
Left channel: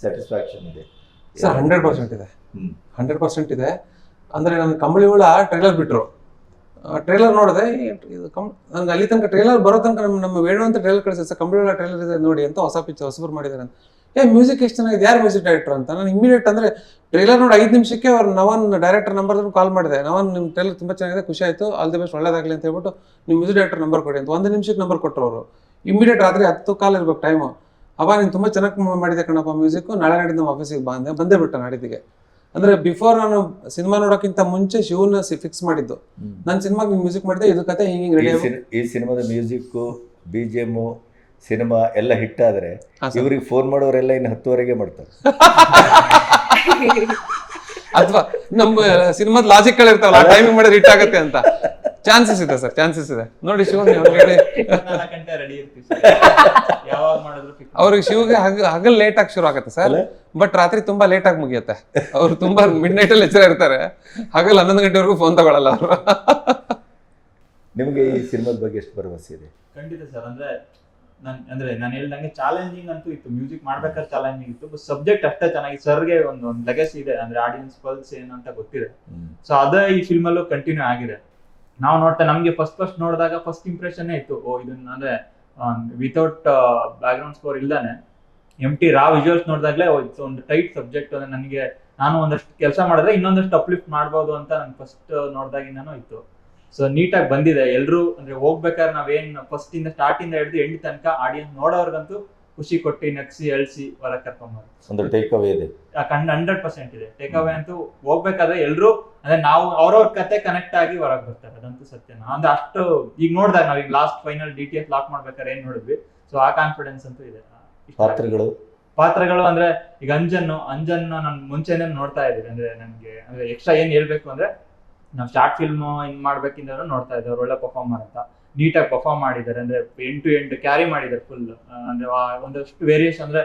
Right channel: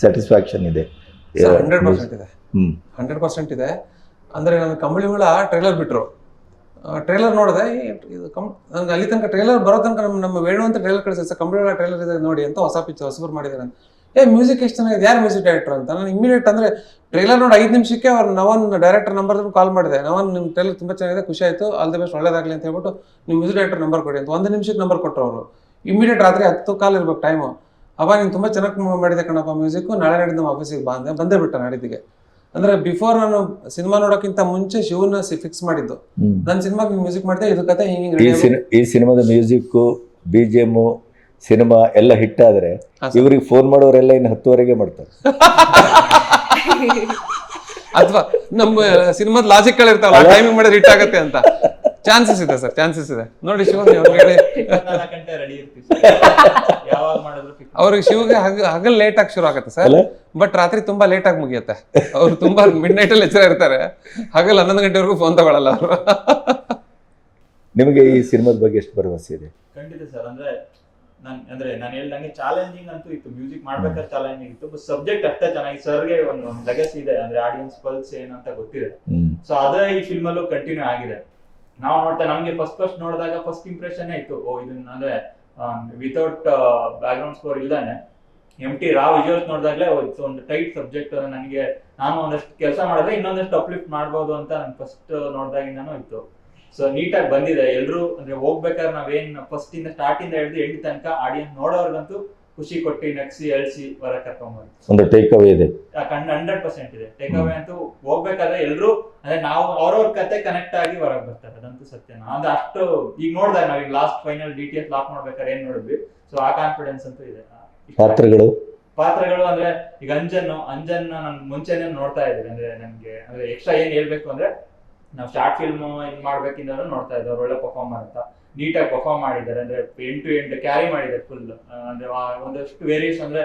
ಸ್ಯಾಟಿಸ್ಫ್ಯಾಕ್ಷನ್ ಇದೆ? ಹಂಡ್ರೆಡ್ ಪರ್ಸೆಂಟ್ ಇದೆ. ಹ್ಮ್. ಹಂಡ್ರೆಡ್ ಪರ್ಸೆಂಟ್ ಇದೆ. ಅಂದರೆ ನನ್ನ ಕಂಬಳಿ ಹುಳ ಟ್ರೈಲರ್ ಬಿಟ್ಟರು ಟ್ರೈಲರ್ ನೋಡಿದೆ. ಇದು ಕಂ ನನಗೆ ಅಲ್ಲಿ ತನಕ ಟ್ರೇಲರ್ ಬರೋ ತನಕ ನಮ್ಮ ನಮ್ಮ ವೇಣು ಅಂತ ಟ್ರೇಲರ್ ಕಳಿಸಿದೆ ಸರ್ ಟ್ರೇಲರ್ ಇದೆ ನೋಡಿ ಅಂತ ಹೊಸ ಪಿಕ್ಚರ್ ಹೊಸಬರು ಮಾಡಿದ್ದಾರೆ ಅಂತ. ಏ ಮ್ಯೂಸಿಕ್ ಎಷ್ಟು ಚೆನ್ನಾಗಿದೆ? ಯಾರು ಮ್ಯೂಸಿಕ್ ಡೈರೆಕ್ಟರ್ ಅಂತ? ನಾನು ಇಮಿಡಿಯೇಟ್ ಅಂದರೆ ಟ್ರೇಲರ್ ನೋಡಿ ಐದು ನಿಮಿಷಕ್ಕೆ ಅವ್ರು ನವನ್ ಡೈರೆಕ್ಟರ್ ನಂಬರ್ ಕಾಲ್ ಮಾಡಿದೆ. ನವನ್ ನಿಮ್ಮ ಟ್ರೇಲರ್ ತುಂಬ ಚೆನ್ನಾಗಿದೆ, ಖುಷಿ ಆಯಿತು ಆಲ್ ದಿ ಬೆಸ್ಟ್ ಒಳ್ಳೇದಾಗಲಿ ಅಂತ ಹೇಳ್ಬಿಟ್ಟು ನಿಮ್ಮ ಮ್ಯೂಸಿಕ್ ಡೈರೆಕ್ಟರ್ ನಂಬರ್ ಕೊಡಿ ಅಂತ. ಒಂದು ನಿಮಿಷಕ್ಕೆ ನಂಬರ್ ಕೊಟ್ಟರು ಅವರು. ಇಮಿಡಿಯೇಟ್ ರಾತ್ರಿ ಹತ್ತು ಕಾಲ್ ಇರ್ಬೇಕು ಟೈಮು ಅವ ನೀನು ತುಂಬ ಚೆನ್ನಾಗಿ ಮಾಡಿದೆ ಕಣಪ್ಪ ಮ್ಯೂಸಿಕ್ಕು ನಾಳೆ ನಡೆದು ನಮ್ಮ ಆಫೀಸಿಗೆ ಬಂದೆ ಬಂದೇ ಬಿಟ್ಟ ನಾಡಿದ್ದಿಗೆ. ಅಂದರೆ ಬಿಫೋರ್ ನಾನು ಸಿನಿಮಾ ನೋಡೋಕ್ಕಿಂತ ಮುಂಚೆ ಶಿವನ ಫಿಕ್ಸ್ ಮಾಡಿದ್ದು. ನಾನು ನನ್ನ ಸಿನಿಮಾಗೆ ಮ್ಯೂಸಿಕ್ ಮಾಡಿದೆ ಇದು ಕತೆ ಹಿಂಗೆ ಈ ರೆಡಿ ಸಿನಿ- ಈ ಸಿನಿಮಾದ music B G M cinema ಎಲ್ಲ ಹಿಟ್ ಆದ್ರೆ. ಇವ್ರಿಗೆ ಫೋನ್ ಮಾಡೋರೆಲ್ಲ ಇನ್ನು ಹತ್ತುವರೆಗೆ ಮಾಡ್ತಾರೆ. ಅಥವಾ ನಮ್ಮ ಸಿನಿಮಾದ ಲಾಜಿಕ್ಗಳಿರ್ತಾವಲ್ಲ ಟೈಮಿಂಗ್ ಮಾಡಿದ್ರೆ ಹಿಟ್ ಆಗುತ್ತೆ ಅಂತ. ಚಾನ್ಸಸ್ ಇದೆ ಸರ್ ಚಾನ್ಸಸ್ ಇದೆ. ನೋಡಿ ಶಿವ ಅವ್ರಿಗೆ ಗಂಟೆ ರೆಡಿ ಇರ್ತೀವಿ sir. ಯಾವಾಗ ಮಾಡಿದ್ರು fix. ಅವ್ರಿಗೆ ಶಿವಗೆ ಹಗ ಹಗಲ್ ಲೇಟ್ ಆಗಿ ಶುರು ಆಗುತ್ತೆ ಸರ್. ಬಟ್ ರಾತ್ರಿ ತುಂಬಾ ಲೇಟ್ ಆಗಿ ಮುಗಿಯುತ್ತೆ. ಅವ್ರು ತುಂಬಾ ಮಿಡ್ ನೈಟ್ ಅಲ್ಲಿ ಎಚ್ಚರ ಇರ್ತಾರೆ. ಹಗಲ್ ಹನ್ನೊಂದು ಗಂಟೆವರೆಗೂ ಫೋನ್ ತಗೊಳಲ್ಲ ಅವರು. ನಿಮಗೆ ಈ ಸಿನಿಮಾದ ಬಗ್ಗೆ ಎಷ್ಟು ಭರವಸೆ ಇದೆ? ಖಂಡಿತ ಸರ್ ಅಂದ್ರೆ ನನ್ ಅಂದ್ರೆ ನಾನು ಹೇಳ್ದಂಗೆ ಚಾಲೆಂಜಿಂಗ್ ಅಂತೂ ಇತ್ತು. ಮ್ಯೂಸಿಕ್ ಮಾಡ್ಬೇಕಾದ್ರೆ ಚಾಲೆಂಜಿಂಗ್ ಇತ್ತು. ಬಟ್ ಸಬ್ಜೆಕ್ಟ್ ಅಷ್ಟೇ ಚೆನ್ನಾಗಿ ಸರ್ಗೆ ಒಂದು ಒಂದು ಲೆಗಸಿ ಇದೆ. ಅಂದ್ರೆ ಆಡಿಯನ್ಸ್ ಪಲ್ಸ್ ಏನಂತ ಗೊತ್ತಿದೆ ಸೊ ಅದೇ ಈ ಫಿಲ್ಮಲ್ಲೂ ಕಂಟಿನ್ಯೂ ಆಗಿದೆ. ನಾವು ನೋಡ್ತಾ ನಮ್ಗೆ ಫಸ್ಟ್ ಫಸ್ಟ್ ನೋಡಿದಾಗ ಫಸ್ಟ್ ಇಂಪ್ರೆಷನ್ ಇತ್ತು. ಓ, ಇದನ್ನ ಅಂದ್ರೆ ವಿತೌಟ್ ಬ್ಯಾಕ್ ಗ್ರೌಂಡ್ ಸ್ಕೋರ್ ಇಲ್ದಾನೆ. ಎಂ ಟಿ ರಾ ವಿಜುವಲ್ಸ್ ನೋಡಿದಾಗಲೇ ಒಂದು ಟೈಟ್ ಸಬ್ಜೆಕ್ಟ್ ನನಗೆ, ನಾನು ಒಂದಷ್ಟು ಕೆಲಸ ಮಾಡಿದ್ರೆ ಇನ್ನೊಂದಷ್ಟು ಅಪ್ಲಿಫ್ಟ್ ಮಾಡ್ಬೋದು ಅಂತ ನನ್ಗೆ ಫಸ್ಟ್ ನೋಡಿದಾಗಿಂದನೂ ಇತ್ತು. ಸೊ ನೀಟಾಗಿ ಬಂದಿದೆ. ಎಲ್ಲರೂ ಅಂದ್ರೆ ಹೋಗ್ಬೇಕಾದ್ರೆ ನಾವೇನ್ ಫಸ್ಟ್ ಇಂದ ಸ್ಟಾರ್ಟ್ ಇಂದ ಹಿಡಿದು ಎಂಡ್ ತನಕ ಆಡಿಯನ್ಸ್ ನೋಡೋರ್ಗಂತೂ ಖುಷಿ ಕೊಟ್ಟು ನಗ್ಸಿ ಎಳ್ಸಿ ಹೊರ ಕರ್ಕೊಂಡ್ಬಾರ್ದು ಟೇಕ್ ಅವೇ ಇದೆ. ಹಂಡ್ರೆಡ್ ಪರ್ಸೆಂಟ್ ಇದೆ. ಟೇಕ್ ಅವೇ ಅಂತೂ ಹೋಗ್ಬೇಕಾದ್ರೆ ಎಲ್ರು ಅಂದ್ರೆ ನಾವು ಅವ್ರವ್ರ ಕತೆ ಕನೆಕ್ಟ್ ಆಗಿ ಹೊರಗೆ ಬರ್ತಾರೆ. ಅದಂತೂ ಸತ್ಯನ ಅಂದ್ರೆ ಅಷ್ಟು ಈಗ ನೋಡಿದಾಗ ನಾವ್ ಈಗ last final D T S lock ಮಾಡ್ಬೇಕಾದ್ರೆ ಏನ್ ನೋಡಿದ್ವಿ? ಸೊ ಆ ಕಾನ್ಫಿಡೆನ್ಸ್ ಅಂತೂ ಇದೆ. ಪಾತ್ರಗಳು? ಪಾತ್ರಗಳು ಅಂದ್ರೆ ಈಗ ಅಂಜನ್ ಅಂಜನ್ ನನ್ ಮುಂಚೆನೆ ನೋಡ್ತಾ ಇದ್ದೀವಿ ಅಂದ್ರೆ ನನ್ಗೆ ಅಂದ್ರೆ ಎಕ್ಸ್ಟ್ರಾ ಏನ್ ಹೇಳ್ಬೇಕು ಅಂದ್ರೆ ನಾವು ಶಾರ್ಟ್ ಫಿಲ್ಮ್ ಹಿಂಗ್ ಮಾಡ್ಬೇಕಿಂದ ನೋಡ್ತಾ ಇದ್ದೆ ಅವ್ರು ಒಳ್ಳೆ ಪರ್ಫಾರ್ಮರ್ ಅಂತ. ನೀಟಾಗಿ ಪರ್ಫಾರ್ಮ್ ಮಾಡಿದ್ದಾರೆ. ಅಂದ್ರೆ ಎಂಡ್ ಟು ಎಂಡ್ ಕ್ಯಾರಿ ಮಾಡಿದ್ದಾರೆ ಫುಲ್ ಅಂದ್ರೆ ಒಂದಷ್ಟು ವೇರಿಯೇಷನ್ ಅಂದ್ರೆ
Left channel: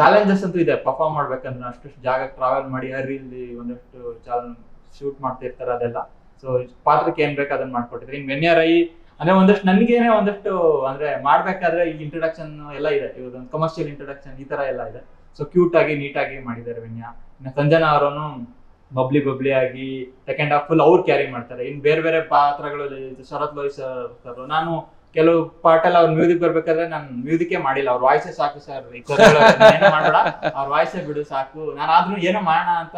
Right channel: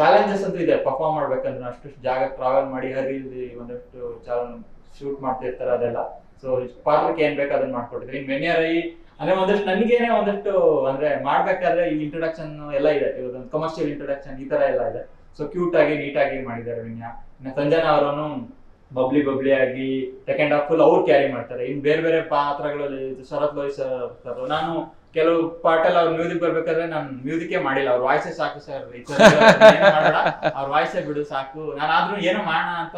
ಚಾಲೆಂಜಸ್ ಅಂತೂ ಇದೆ. ಪರ್ಫಾರ್ಮ್ ಮಾಡ್ಬೇಕಂದ್ರೆ ಅಷ್ಟು ಜಾಗ ಟ್ರಾವೆಲ್ ಮಾಡಿ ಹರಿಯಲ್ಲಿ ಒಂದಷ್ಟು ಶೂಟ್ ಮಾಡ್ತಿರ್ತಾರೆ ಅದೆಲ್ಲ. ಸೊ ಪಾತ್ರಕ್ಕೆ ಏನ್ ಬೇಕು ಅದನ್ನ ಮಾಡ್ಕೊಟ್ಟಿದ್ರೆ ಇನ್ ಮೆನ್ಯರೈ ಅಂದ್ರೆ ಒಂದಷ್ಟು ನನಗೇನೆ ಒಂದಷ್ಟು, ಅಂದ್ರೆ ಮಾಡ್ಬೇಕಾದ್ರೆ ಈ ಇಂಟ್ರೊಡಕ್ಷನ್ ಎಲ್ಲ ಇದೆ. ಇವತ್ತೊಂದು ಕಮರ್ಷಿಯಲ್ ಇಂಟ್ರಡಕ್ಷನ್ ಈ ತರ ಎಲ್ಲ ಇದೆ. ಸೊ ಕ್ಯೂಟ್ ಆಗಿ ನೀಟಾಗಿ ಮಾಡಿದ್ದಾರೆ ವಿನ್ಯಾ ಸಂಜನಾ ಅವರನ್ನು ಬಬ್ಲಿ ಬಬ್ಲಿ ಆಗಿ ಸೆಕೆಂಡ್ ಹಾಫ್ ಫುಲ್ ಅವ್ರು ಕ್ಯಾರಿ ಮಾಡ್ತಾರೆ. ಇನ್ ಬೇರೆ ಬೇರೆ ಪಾತ್ರಗಳಲ್ಲಿ ಶರತ್ ಲೋಹಿತ್ ಸರ್ ನಾನು ಕೆಲವು ಪಾರ್ಟ್ ಎಲ್ಲ ಅವ್ರ ಮ್ಯೂಸಿಕ್ ಬರ್ಬೇಕಾದ್ರೆ ನಾನು ಮ್ಯೂಸಿಕೇ ಮಾಡಿಲ್ಲ. ಅವ್ರ ವಾಯ್ಸೆ ಸಾಕು ಸರ್ ಅವ್ರ ವಾಯ್ಸೆ ಬಿಡು ಸಾಕು. ನಾನು ಆದ್ರೂ ಏನೋ ಮಾಡೋಣ ಅಂತ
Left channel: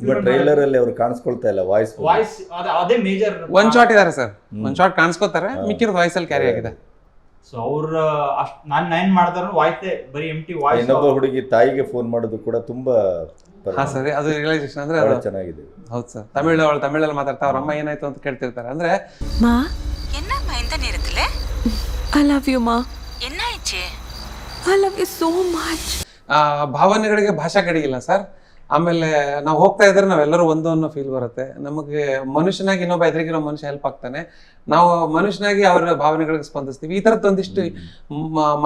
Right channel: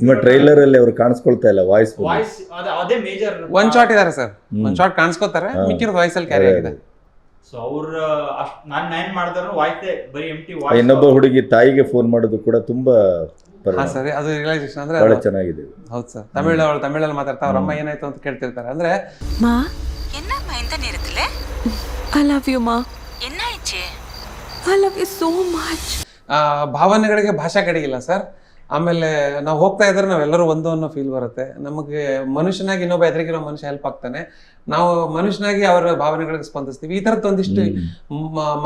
ನಿಮ್ಮ ಟ್ರೈಲರ್ ಅಲ್ಲಿ ಅವ್ರು ಕಾಣಿಸ್ಕೊಳ್ತಾ ಇಲ್ಲ ವಾಯ್ಸ್ ವಾಯ್ಸ್ ಅದೇ ಮೇಜರ್ ಒಂದ್ ಶಾಟ್ ಇದಾರೆ ಸರ್. ಒಂದ್ ಶಾಟ್ ಕಾಣಿಸ್ಕೊತಾರೆ. ಮಿಕ್ಕಿರ್ ವಾಯ್ಸ್ ಅಲ್ಲಿ ಕ್ಯಾರಿ ಆಗಿದೆ. ಸೊ ಅವ್ರ ಅಷ್ಟ್ ನಾನ್ ನೈನ್ ಮಾಡಿದ್ರು ವಾಯ್ಸೇ ಬರೀ ಎಂಟಿ ವಾಯ್ಸ್ ಇನ್ನೊಬ್ಬ ಹುಡುಗಿ ತಾಯಿಗೆ ಫೋನ್ ಮಾಡೋದು ಕೂಡ ತುಂಬಾ ಹಾ ಪರವಾಗಿಲ್ಲ. ಸರ್ ಅದು ರಿಯಲೈಸೇಷನ್ ಅಂದ್ರೆ ಬಹಳ ಅದು- ಚೆನ್ನಾಗಿದೆ ಹೌದು ಸರ್ ತಮಿಳ್ ಅವಳು ತಮಿಳಲ್ಲಿ ಮಾತಾಡ್ತಾ ಅವ್ರ ಅಮ್ಮ ಏನಾಯ್ತು ಅಂತ ಕೇಳ್ತಿರ್ತಾರೆ ಅಂದ್ರೆ ಮಾ என்னம்மா இந்த நேரத்துல ಐ ಲವ್ ಯು ಮಾ I love you so much ಆ, ಭಾವನೆಗಳಿಗೆ ಭಾಷಾ ಕಡಿಗಿಲ್ಲ ಸರ್ ಆಮೇಲೆ ನಾವು ಹೋಗ್ತಾ ಇದ್ರೆ ನಾವೆಲ್ಲರೂ ಒಂದು ಅನ್ನೋ ಫೀಲ್ ಬರುತ್ತೆ. ನಮಗೆ ಮನುಷ್ಯನಾಗಿ ಇನ್ನೊಬ್ಬ ಎದುರಿಗಿರೋ ಮನುಷ್ಯ ಹೆಲ್ಪ್ ಆಗ್ತಾನೆ. ನಾವು ಮನುಷ್ಯನಾಗಿ ಅವರ ಭಾವನೆಗಳಿಗೆ ಸ್ಪಂದಿಸ್ತೀವಿ. ಈ ಥರದ್ದು ಒಂದಿಷ್ಟು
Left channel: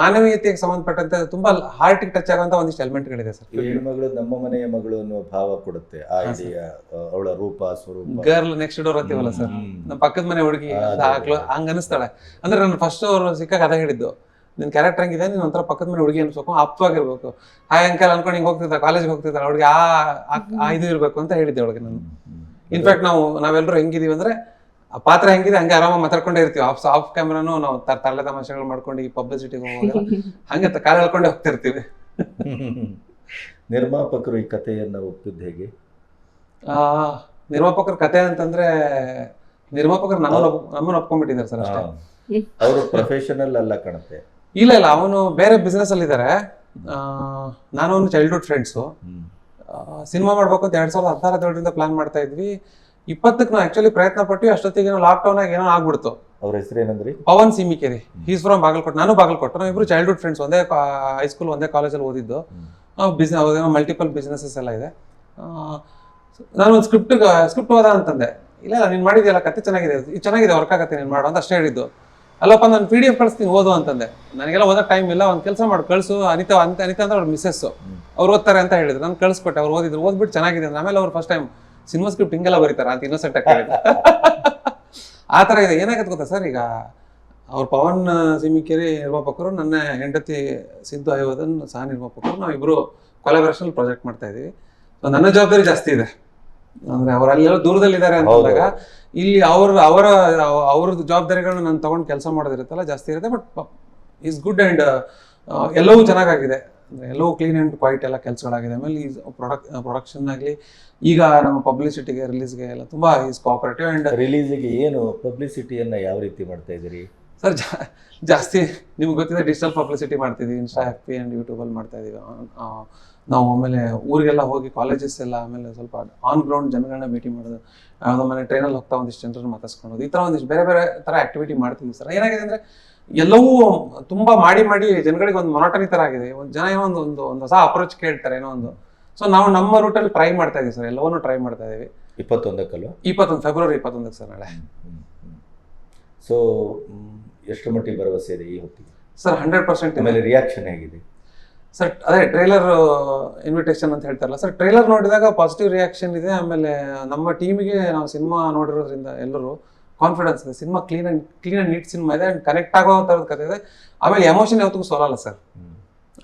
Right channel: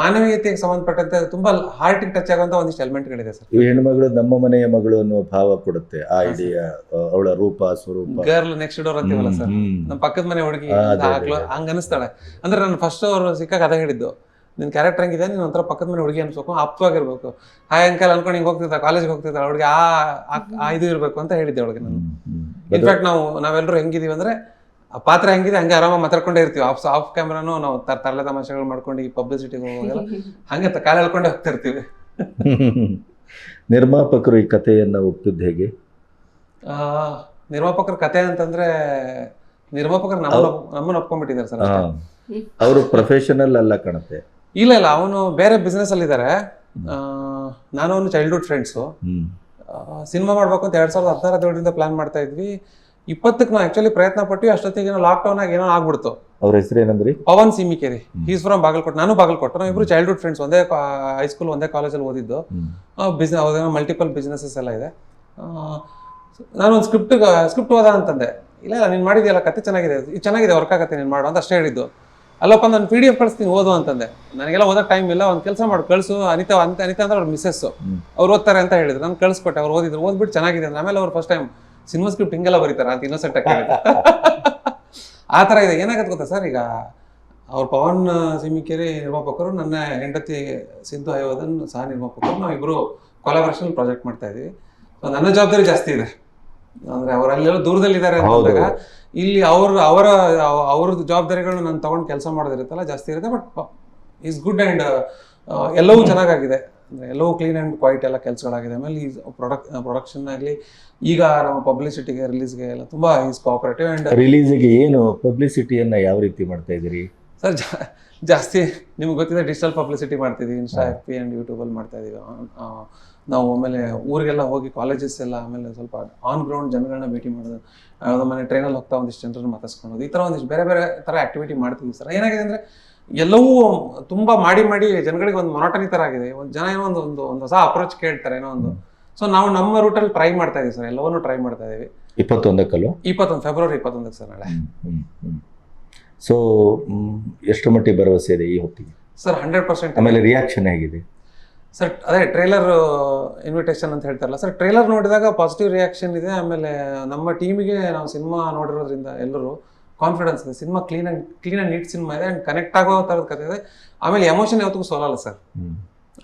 ಮಾನವೀಯತೆಗೆ ಸಂಬಂಧಪಟ್ಟಂತೆ ತುಂಬಾ ಹಾರ್ಟಿಗೆ ಟಚ್ ಆಗುವಂತ ಒಂದಿಷ್ಟು ಎಲಿಮೆಂಟ್ಗಳಿದೆ ಸರ್. ಈ ಹೆಣ್ಮಗಳು ನಮ್ಮ ಮನೆಯ ಮಗಳು ಅನ್ನೋ ಭಾವ ಕೊಡುತ್ತೆ. ಆ ಐಡಿಯಾ ಅವಳ ರೂಪ ಸ್ವರೂಪ. ಗರ್ಲ್ ನೆಕ್ಸ್ಟ್ ಡೋರ್ ಅಂತೀವಲ್ಲ ಸರ್. ನಮ್ಮ ಪಕ್ಕದ ಮನೆ ಹುಡುಗಿ. ಹಂಗ ಅನಿಸ್ತಾಳೆ ಅಂದ್ರೆ ನಾನು ಫಸ್ಟ್ ಅವರು ಸಿಕ್ಕಾಗ ಅದ ಹೇಳಿದ್ದು. ನಿನ್ ಕ್ಯಾರೆಕ್ಟರ್ ಹಂಗಿದೆ ನೀನ್ ಒಂಥರ ಪಕ್ಕದ ಮನೆ ಹುಡುಗಿ ಅನ್ಸ್ಬೇಕು ಆಪ್ತವಾಗಿರ್ಬೇಕು ಆ ಅಂಕಲ್ ಅನ್ಕೊಂಡು ಹಿಂಗೆ ಹೋಗ್ತಿದ್ದ ಕಾಲೇಜ್ಗೆ ಹೋಗ್ತಿದ್ದಾಳೆ ಅವ್ರಿಗೆ ಆ ಇದು ಇರ್ಬೇಕು ಅಂತ ಹೇಳಿದ್ದೆ ಅವಳಿಗೆ ನಾನು. ಇನ್ಫ್ಯಾಕ್ಟ್ ನಾವು ನಾವೆಲ್ಲರೂ ಹೆಂಗಿದೀವಿ ಅಂದ್ರೆ ಆ ಪಾತ್ರ ಹೆಂಗಿದೆ ಹಂಗೆ ಆರಾಮಾಗಿ ಮಾತಾಡ್ಕೊಂಡೇ ಇರ್ತೀವಿ. ಆಫ್ ಆಫ್ ಕ್ಯಾಮ್ರಾನು ನಾವು ತರ ತರಲೆ ತಮಾಷೆಗಳು ಮಾಡ್ಕೊಂಡು ಈ ಪಬ್ಲಿಸಿಟಿಗೆ ಹೋಗೋಲ್ಲ ಹಂಗೆ ತ- ಹೇಳ್ಕೊಂಡೇ ಎಳ್ಕೊಂಡೇ ಹೋಗ್ತಾ ಇರ್ತೀವಿ ನಿರ್ಮಾಪಕರು ಈ ಕಥೆಯನ್ನು ಒಪ್ಪಿದ್ದು ಹೇಗೆ? ಆ, ನಿರ್ಮಾಪಕರ ಕತೆ ಅಂತಂದ್ರೆ ನಿರ್ಮಾಪಕರು ನಮ್ಮನ್ನ ನಮ್ಮನ್ನ ಒಪ್ಕೊಂಡ್ಬಿಟ್ಟಿದ್ದಾರೆ ಸರ್ ಅಷ್ಟೇ. ಅವರು ಪ್ರೊಫೆಷನಲ್ ಅಲ್ಲ ಕಾಣುತ್ತೆ ಇಲ್ಲ ಇಲ್ಲ ಅವನು ಬೇರೆ ಬಿಸ್ನೆಸ್ ಅಲ್ಲಿ ಇದ್ದಾರೆ ನಾನು ಅವನು ಚೈಲ್ಡ್ಹುಡ್ ಫ್ರೆಂಡ್ಸು ಸಿನಿಮಾ ಮಾಡ್ಬೇಕು ಅಂತ ಎರಡ್ ಸಾವಿರದ ಹದಿನಾರು ಹದಿನೇಳರಿಂದ ಪ್ಲಾನ್ ಮಾಡ್ತಾ ಇದ್ವಿ. ಇಪ್ಪತ್ತಕ್ಕೆ ನಾವು ಆಕ್ಚುಲಿ ಪ್ರಯತ್ನ ಪಟ್ಟು ಅಷ್ಟೊತ್ತಿಗೆ ಲಾಕ್ ಡೌನ್ ಆಗಿ ಏನೋ ಆಗ್ಬಿಡ್ತು. ಅವ್ರ ಏನಂದ್ರೆ? ಪವನ್ ಸಿಮಿಕೇರಿ. ಈಸ್ ಫ್ರಮ್ ಬಾಗಲಕೋಟೆ ನಾನು ಬಾಗಲಕೋಟೆ. ನಾವು ಇಬ್ರು ಚೈಲ್ಡ್ಹುಡ್ ಫ್ರೆಂಡ್ಸ್ ಒಂದೇ ಹೈಸ್ಕೂಲ್ ಒಂದೇ ಕಾಲೇಜಲ್ಲಿ ಓದಿದ್ದು. ಬಿಸ್ನೆಸ್ ಮಲ್ಟಿಪಲ್ ಬಿಸ್ನೆಸಸ್ ಎಲ್ಲ ಇದೆ. ನಾನು ಒಂದು ಸ್ಕ್ರಿಪ್ಟ್ ಸ್ಕ್ರಿಪ್ಟ್ ಓದ ಅಂತಂದೆ. ಇಲ್ಲ ಇಲ್ಲ ನೀನು ಮಾಡಿದ್ಯಲ್ಲ ಕತೆ ಚೆನ್ನಾಗಿದೆ ಇದು ಚೆನ್ನಾಗಿದೆ ವರ್ಕ್ ಆಗತ್ತೆ ನೀನು ಮಾಡು ಅಂತ ಅಷ್ಟೇ ಹೇಳಿದ್ದು. ಅಲ್ಲಪ್ಪ ನಾನು ಪಿ ಡಿ ಎಫ್ ಕಳಿಸ್ತೀನಿ ಓದು ಅಂತಂದೆ. ನನಗೆಲ್ಲ ಓದೋ ಟೈಮ್ ಇಲ್ಲ ಒಂದು ಕೆಲಸ ಮಾಡಿ ಕಳಿಸು. ಅನಿತಾ ಅಂತ ಅನಿತಾ ಅಂದ್ರೆ ಅವ್ರ ಮಿಸ್ಸಸ್. ಅವ್ರು ಓದ್ತಾರೆ ಅಂತ ಹೇಳಿದ್ರು. ನಾನು ಕಳಿಸ್ಕೊಟ್ಟೆ ಅವ್ರು ಓದಿದ್ರು. ಓದ್ಬಿಟ್ಟು ಚೆನ್ನಾಗಿದೆ ಆಮೇಲೆ ಅವ್ರು ಫಸ್ಟ್ ಟೈಮ್ ಸಿನಿಮಾ ಸ್ಕ್ರಿಪ್ಟ್ ಹಿಂಗೆಲ್ಲ ಬರೀತಾರೆ ಅಂತ ಇನ್ನೊಸೆಂಟ್ ಕೇಳಿದ್ರು ಆ ಥರ ಇದೆ. ಏನಾಗತ್ತೆ ಗೊತ್ತಾ ಸರ್? ಈಗ ಅವ್ರ ಪವನ್ ಸಿಮಿಕೇರಿ ನಿರ್ಮಾಪಕರು ನನ್ನ ಹೆಂಡತಿ ಸಿಂಧು ಅಯೋಧನ್ ಸಹ ನಿರ್ಮಾಪಕರು ನಾವಿಬ್ಬರು ಕೊಲಾಬರೇಷನ್ ಪ್ರಾಜೆಕ್ಟ್ ಮಾಡ್ತಾ ಇದ್ದೀವಿ ನನ್ನ ಜವಾಬ್ದಾರಿ ಜಾಸ್ತಿ ಇದೆ. ಅಂದ್ರೆ ಅವ್ರು ಅಲ್ಲೆಲ್ಲ ದೂರದಲ್ಲಿದ್ದಾರೆ ಅಂತಂದಾಗ ಹೌದು. ಇಲ್ಲಿ ಅವ್ರ ಅವರ ಅವ್ರದ್ದು ಜವಾಬ್ದಾರಿಗಳನ್ನ ನಾನು ತಗೊಂಡು ಕೆಲಸ ಮಾಡೋದಿರುತ್ತಲ್ಲ ಜಾಸ್ತಿ ಇರುತ್ತೆ ಬಟ್ ಈಸ್ ಗುಡ್ ಅಂಡ್ ಎಲ್ಲವೂ ಚೆನ್ನಾಗಾಗಿದೆ. ಅಂದ್ರೆ ಎಲ್ಲವೂ ಕ್ಲೀನ್ ಆ್ಯಂಡ್ ಕ್ವೈಟ್ ಎಲ್ಲ ಕೆಲಸಗಳಾಗಿದೆ. ಆಮೇಲೆ ಈ ಪ್ರೊಡಕ್ಟ್ ಪ್ರೊಡಕ್ಷನ್ ಆಗಲಿ ಈಗ ನಮ್ಮ ಪಬ್ಲಿಸಿಟಿಗೆ ರಿಲೀಸ್ಗೆ ಎಲ್ಲ ತುಂಬ ಈಸ್ ಕೋಆಪರೇಟಿವ್ ಆ್ಯಂಡ್ ರಿಲೀಸಿಗೆ ಏನು ಪಬ್ಲಿಸಿಟಿಯನ್ನು ಯಾವ ರೀತಿ ಮಾಡ್ತಾ ಇದ್ದೀರಿ? ಸರ್ ಜಾಸ್ತಿ ನಿಮ್ಗೆ ಗೊತ್ತಿದೆ ಡಿಜಿಟಲ್ ಪಬ್ಲಿಸಿಟಿ ಮಾಡ್ತಿದ್ದೀವಿ ಇನ್ಸ್ಟಾ ಹ್ಯಾಪಿ ಆ್ಯಂಡ್ ಯೂಟ್ಯೂಬಲ್ಲಿ ಮಾಡ್ತಾ ಇದ್ದೀವಿ ನಾವು ಆಮೇಲೆ ಊರಿಗೆಲ್ಲ ಹೋಗಿ ಕಾಲೇಜಸ್ ಎಲ್ಲ ಆಮೇಲೆ ಸ್ವಲ್ಪ ಆನ್ ಗ್ರೌಂಡ್ ಜನಗಳನ್ನ ಭೇಟಿ ಮಾಡೋದು ಯಾವುದೋ ಮನೆ ಟ್ರೈನಲ್ಲಿ ಹೋಗ್ತಾ ಒಂದಿಷ್ಟು ಜನರನ್ನ ಮಾತಾಡ್ಸ್ಕೊಳೋದು ಈ ಥರ ಒಂದಿಷ್ಟು ಬೇರೆ ಬೇರೆ ಥರ ಆ್ಯಕ್ಟಿವಿಟಿ ಮಾಡ್ತೀವಿ ಸರ್. ಏನಾಗಿದೆ ಅಂದರೆ ಎಲ್ಲವೂ ತುಂಬ ಮಾಡಿ ಮಾಡಿ ಜನಗಳಿಗೆ ಒಂದು ಮೊನಾಟರಿ ಥರ ಆಗಿದೆ. ಒಂದು ಜನ ಏನೋ ಒಂದು ಒಂದು ಒಂದು ಹೊಸ ಅಪ್ರೋಚ್ ಕೇಳ್ತಾರೆ ಏನೋ ಒಂದು. ಸೊ ನಾವು ನಮ್ಮ ರೂಟಲ್ಲಿ ಟ್ರೈ ಮಾಡ್ತಾ ಇದೀವಿ ಸರ್ ಎಲ್ಲವನ್ನೂ ಟ್ರೈ ಮಾಡ್ತಾ ಇದ್ದೀವಿ ಇಪ್ಪತ್ತೊಂದಕ್ಕಲ್ಲೂ ಇಪ್ಪತ್ತೊಂದು ಫೆಬ್ರವರಿ ಇಪ್ಪತ್ತೊಂದಕ್ಕೆ ಸರ್ ನಾಳೆ. ಸೊ ಎಷ್ಟು ಮಟ್ಟಿಗೆ ಭರವಸೆ ಇದೆ ಈ ಹೊತ್ತಿಗೆ? ಸರ್ ಹಂಡ್ರೆಡ್ ಪರ್ಸೆಂಟ್ ಆಮೇಲೆ ರಿಯಾಕ್ಷನ್ ಹೇಗಿದೆ? ಸರ್ ಅದೇ ಟ್ರೈಲರ್ ಇನ್ವಿಟೇಷನ್ ಅಂತ ಹೇಳ್ತಾರಲ್ಲ ಸರ್ ಟ್ರೈಲರ್ ನೋಡಿದಾಗ ಪಾಸಿಟಿವ್ ರಿಯಾಕ್ಷನ್ ಇದೆ ಆಮೇಲೆ ನಮ್ಮ ಟೀಮಿಗೆ ನಾವು ಸಿನಿಮಾ ನೋಡಿರೋದ್ರಿಂದ ಎಲ್ಲರೂ ಕಾನ್ಫಿಡೆನ್ಸ್ ಇದೆ. Cinema clean and clean and neat cinema ಇದೆ ಆ್ಯಂಡ್ ಕನೆಕ್ಟ್ ಆಗೋ ಥರದ ಕಥೆ ಇದೆ. ಆಮೇಲೆ ಎಮೋಷನ್ ಯಾವತ್ತಿಗೂ ಸೋಲಲ್ಲ ಸರ್.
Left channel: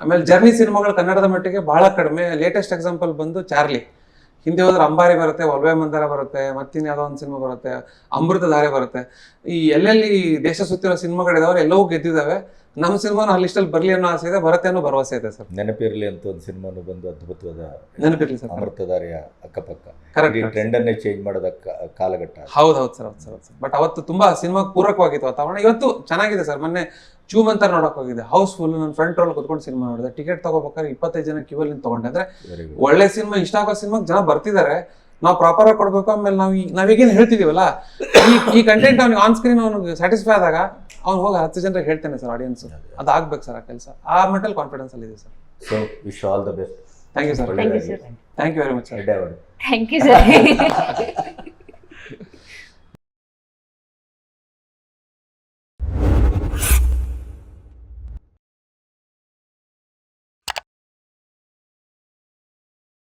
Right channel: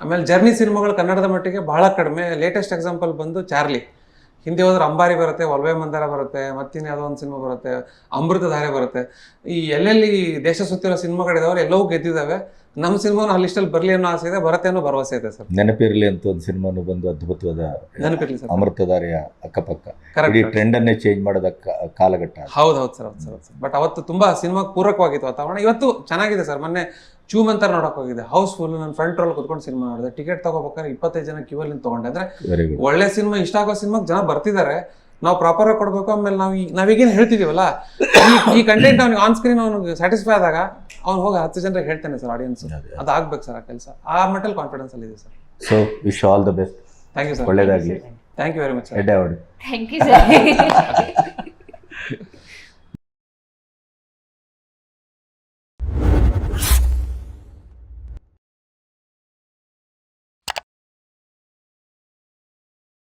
ಆಮೇಲೆ ಜರ್ನಿ ಸಿನಿಮಾಗಳು ಕನ್ನಡದ ಮಟ್ಟಿಗೆ ಬಹಳ ಕಡಿಮೆ. ಲೇಟೆಸ್ಟ್ ಎಕ್ಸಾಂಪಲ್ ಬಂದು ಚಾರ್ಲಿ. ಹಿಂದೆ ಹೋದ್ರೆ ಅಂಬಾರಿ ಬರುತ್ತೆ ಒಲ್ವೆ ಮಂದಾರ ಬರುತ್ತೆ ಮತ್ತಿನ್ ಯಾವುದೋ ಒಂದು ಸಿನಿಮಾ ಬರುತ್ತೆ, ಅಮೃತಧಾರೆ ಬರುತ್ತೆ. ಈ ಎಲ್ಲೆಲ್ಲಿ ದೇಶ ಸುತ್ತಿರೋ ಸಿನಿಮಾಗಳಿದಾವೆ ಎಲ್ಲವೂ ಗೆದ್ದಿದ್ದಾವೆ. ನಮ್ಮ ಸಿನಿಮಾನು ಆ ಲಿಸ್ಟಲ್ಲಿ ಬರಲಿ ಅನ್ನೋ ಆಸೆ ಇದೆ ಬರುತ್ತೆ ಅನ್ನೋ ಭರವಸೆ ಇದೆ ಸರ್. ನೆನಪಿರಲಿ ಅಂತ ಒಂದು ಸಿನಿಮಾನು ಬಂದು ಅದ್ಭುತವಾದ ನೆನಪಿರಲಿ ಸರ್. ಅಮೃತಧಾರೆಯ ಅಕ್ಕಪಕ್ಕ. ಕರೆಕ್ಟ್ ಟ್ರೆಂಡ್ ಅನ್ನೇ ಚೇಂಜ್ ಮಾಡೋದ ಕಾಲಘಟ್ಟ ಹೌದು ಹೌದು ಸರ್ ಹೌದು ಸರ್ ಸರ್. ಬಟ್ ಅವತ್ತು ತುಂಬಾ ಸಿನಿಮಾ ಪೂರಕವಾಗಿತ್ತು ವಾತಾವರಣ. ಇವತ್ತು ಚೆನ್ನಾಗಿದೆ ಸರ್. ಮೊನ್ನೆ ಚೂಮ್ ಅಂತ ನೋಡಕ್ ಹೋಗಿದೆ ಹೌಸ್ಫುಲ್ ನನ್ನ ಫ್ರಂಟ್ ರೋಲ್ ಕುತ್ಕೊಂಡು ಸಿನಿಮಾ ನೋಡಿದೆ. ಟಿಕೆಟ್ ತಗೋಬೇಕಾದ್ರೆ ಇಪ್ಪತ್ತೈದು ಜನ ಕ್ಯೂ ಅಲ್ಲಿ ತಗೊಂಡೆ. ಅಂದ್ರೆ ಒಳ್ಳೆ ಸಿನಿಮಾ ಇಷ್ಟ ಆಗೋ ಸಿನಿಮಾಗೆ ಜನ ಬರ್ತಿದ್ದಾರೆ. ನಾವು ಪ್ರಾಪರ್ ಆಗಿ ಕೊಡಬೇಕು ಆಮೇಲೆ ನಾವು ಈ- ನಾವೀಗೇನು ಹೇಳ್ತಿದ್ದೀವಲ್ಲ ಈ ಈ ಕಂಟೆಂಟ್ ಅವ್ನಿಗೆ ಆನ್ ಸ್ಕ್ರೀನ್ ಅವ್ನಿಗೆ ಸ್ಯಾಟಿಸ್ಫೈ ಆದಾಗ ಅವ್ನು ಹೋಗಿ ಹತ್ತು ಜನರಿಗೆ ಹೇಳ್ತಾನೆ ಸರ್ ಆಡಿಯನ್ಸ್ ಅದು ಆಗ್ಬೇಕು ಸರ್ ಆ ಕೆಲಸ. ಆ ಮಟ್ಟಲ್ಲಿ ಕಾನ್ಫಿಡೆನ್ಸ್ ಅಲ್ಲಿ ಇದೆ sir. So wish all the best thank you sir ಒಳ್ಳೆಯದಾಗಿ thank you very much sir thank you sir